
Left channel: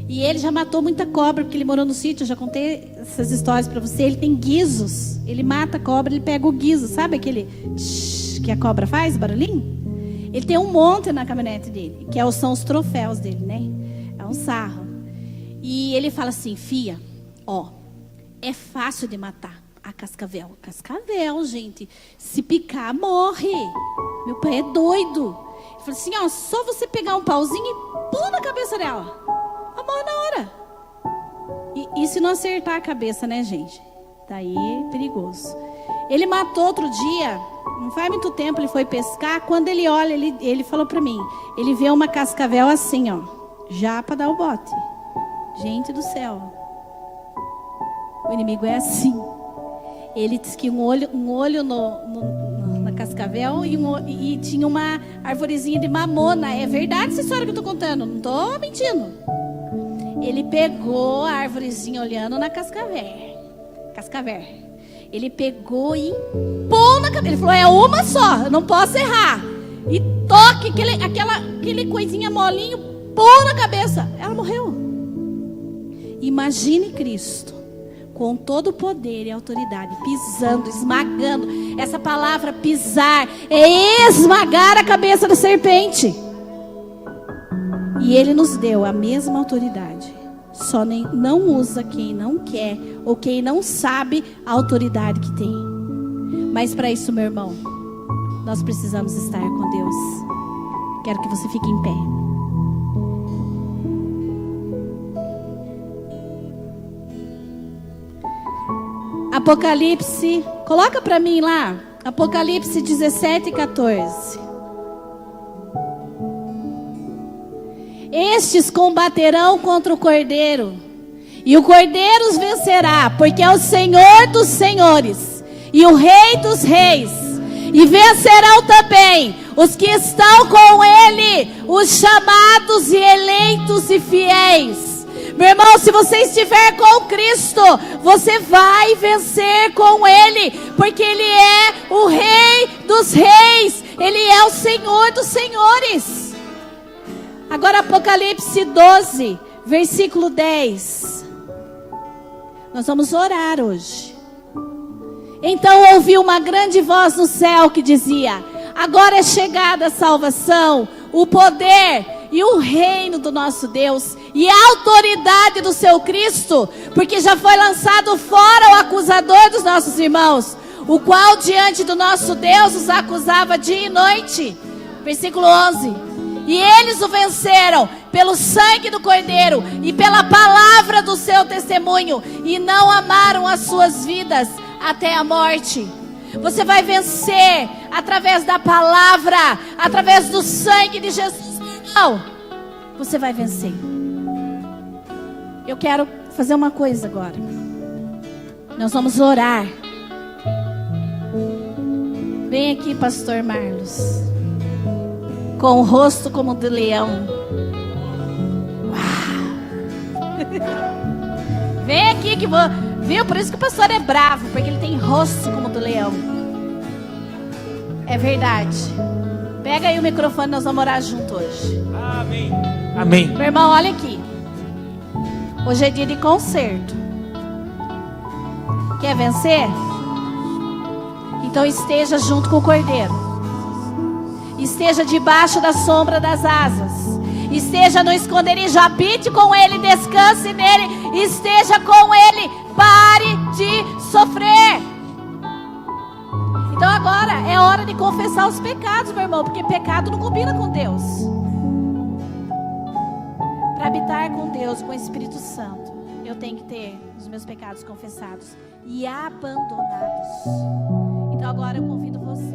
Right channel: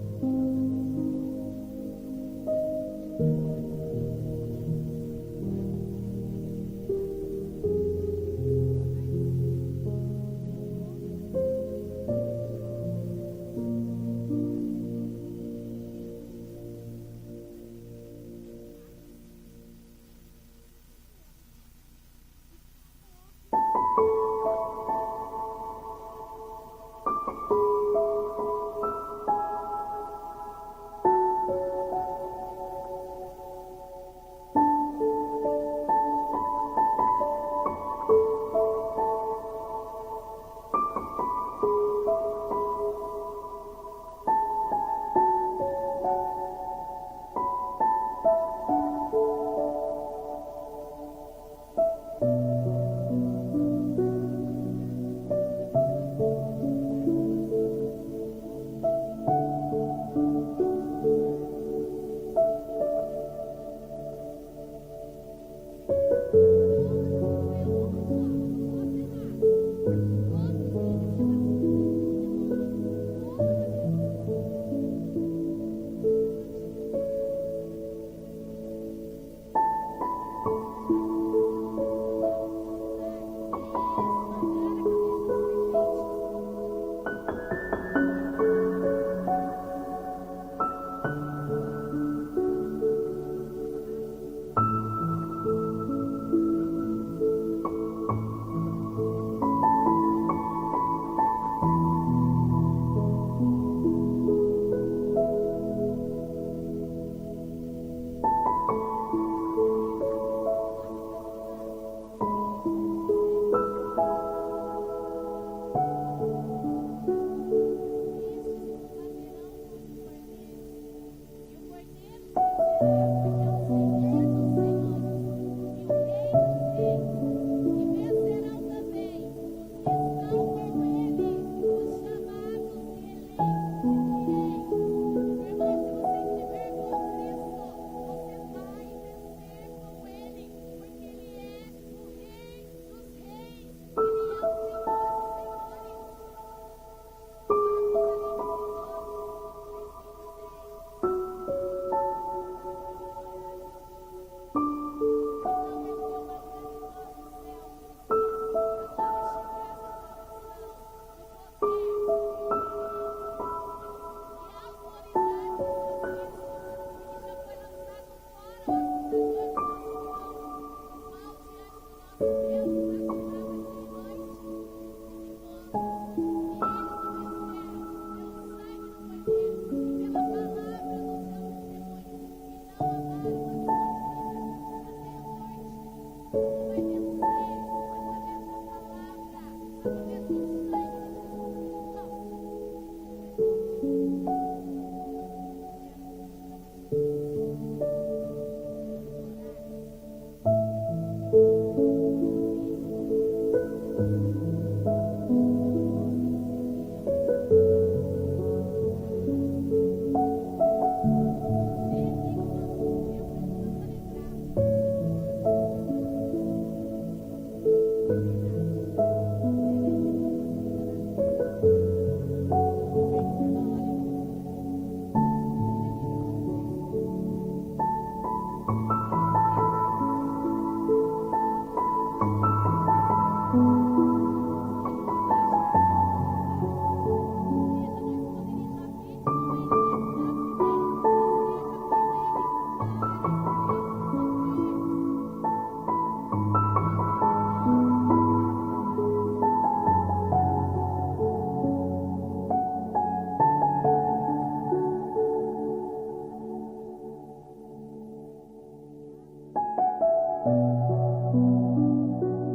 E ele já matou muita cobra, porque ele morou no sítio. Eu já contei essas histórias para você. Ele tem guizos. Ele mata a cobra, ele pega o guizo. Sabe aquele que a cobra faz, barulhinho? Ele tem um monte na caminhonete dele, que são os troféus dele, né? É um sarro. E ele fala assim: fia, é fácil de matar a cascavel. Cascavel, gente, se picar, morre. Meu pai é doido. Ele fala assim: só você pegar um pauzinho e pula na cabeça dela. Morre na hora. E se não acertar a cabeça, né, gente? Daí é perigoso. Ele matou outro dia, não faz muito tempo, ele foi pescar. Quando ele olha, ele falou pra mim, ele vê uma cascavel assim, já pra dar o bote. Gente do céu. O inimigo é assim. Ele disse que um olho na cascavel e tinha uma arvorezinha de mamona. É verdade essa história que eu tô contando, não tô mentindo. Ele pegou a arvorezinha olhando na cascavel. Ele pegou e pôs na cabeça. Ele falou: é uma só, eu não posso errar. E toque aquele coisinha molinho, pôs na cabeça. Ela morreu. Imagine Cristo com todo o poder e autoridade, pisando, esmagando. Essa palavra pisar é esmagar a cabeça da serpente. E Ele nos deu a mesma autoridade. Só não usa quem não quer ou quem não sabe a autoridade que tem. Mas para isso, meu irmão, nós precisamos estar com Deus. Quero que você fique em pé. Apocalipse, coloca para mim lá, Apocalipse 17 e 14. Estes combaterão contra o Cordeiro, e o Cordeiro os vencerá, porque é o Senhor dos senhores e o Rei dos reis. E vencerão também os que estão com Ele, os chamados e eleitos e fiéis. Meu irmão, se você estiver com Cristo, você vai vencer com Ele, porque Ele é o Rei dos reis, Ele é o Senhor dos senhores. Agora Apocalipse 12, versículo 10. Nós vamos orar hoje. Então ouvi uma grande voz no céu que dizia: agora é chegada a salvação, o poder e o reino do nosso Deus e a autoridade do seu Cristo, porque já foi lançado fora o acusador dos nossos irmãos, o qual diante do nosso Deus os acusava dia e noite. Versículo 11. E eles o venceram pelo sangue do Cordeiro e pela palavra do seu testemunho, e não amaram as suas vidas até a morte. Você vai vencer através da palavra, através do sangue de Jesus. Não, você vai vencer. Eu quero fazer uma coisa agora. Nós vamos orar. Vem aqui, pastor Marlos, com o rosto como o do leão. Vem aqui que vou... Viu? Por isso que o pastor é bravo, porque ele tem rosto como o do leão. É verdade. Pega aí o microfone, nós vamos orar junto hoje. Amém. Amém. Meu irmão, olha aqui. Hoje é dia de concerto. Quer vencer? Então esteja junto com o Cordeiro. Esteja debaixo da sombra das asas. Esteja no esconderijo, habite com Ele, descanse nele, esteja com Ele, pare de sofrer. Então agora é hora de confessar os pecados, meu irmão, porque pecado não combina com Deus. Para habitar com Deus, com o Espírito Santo, eu tenho que ter os meus pecados confessados e abandonados. Então agora eu convido você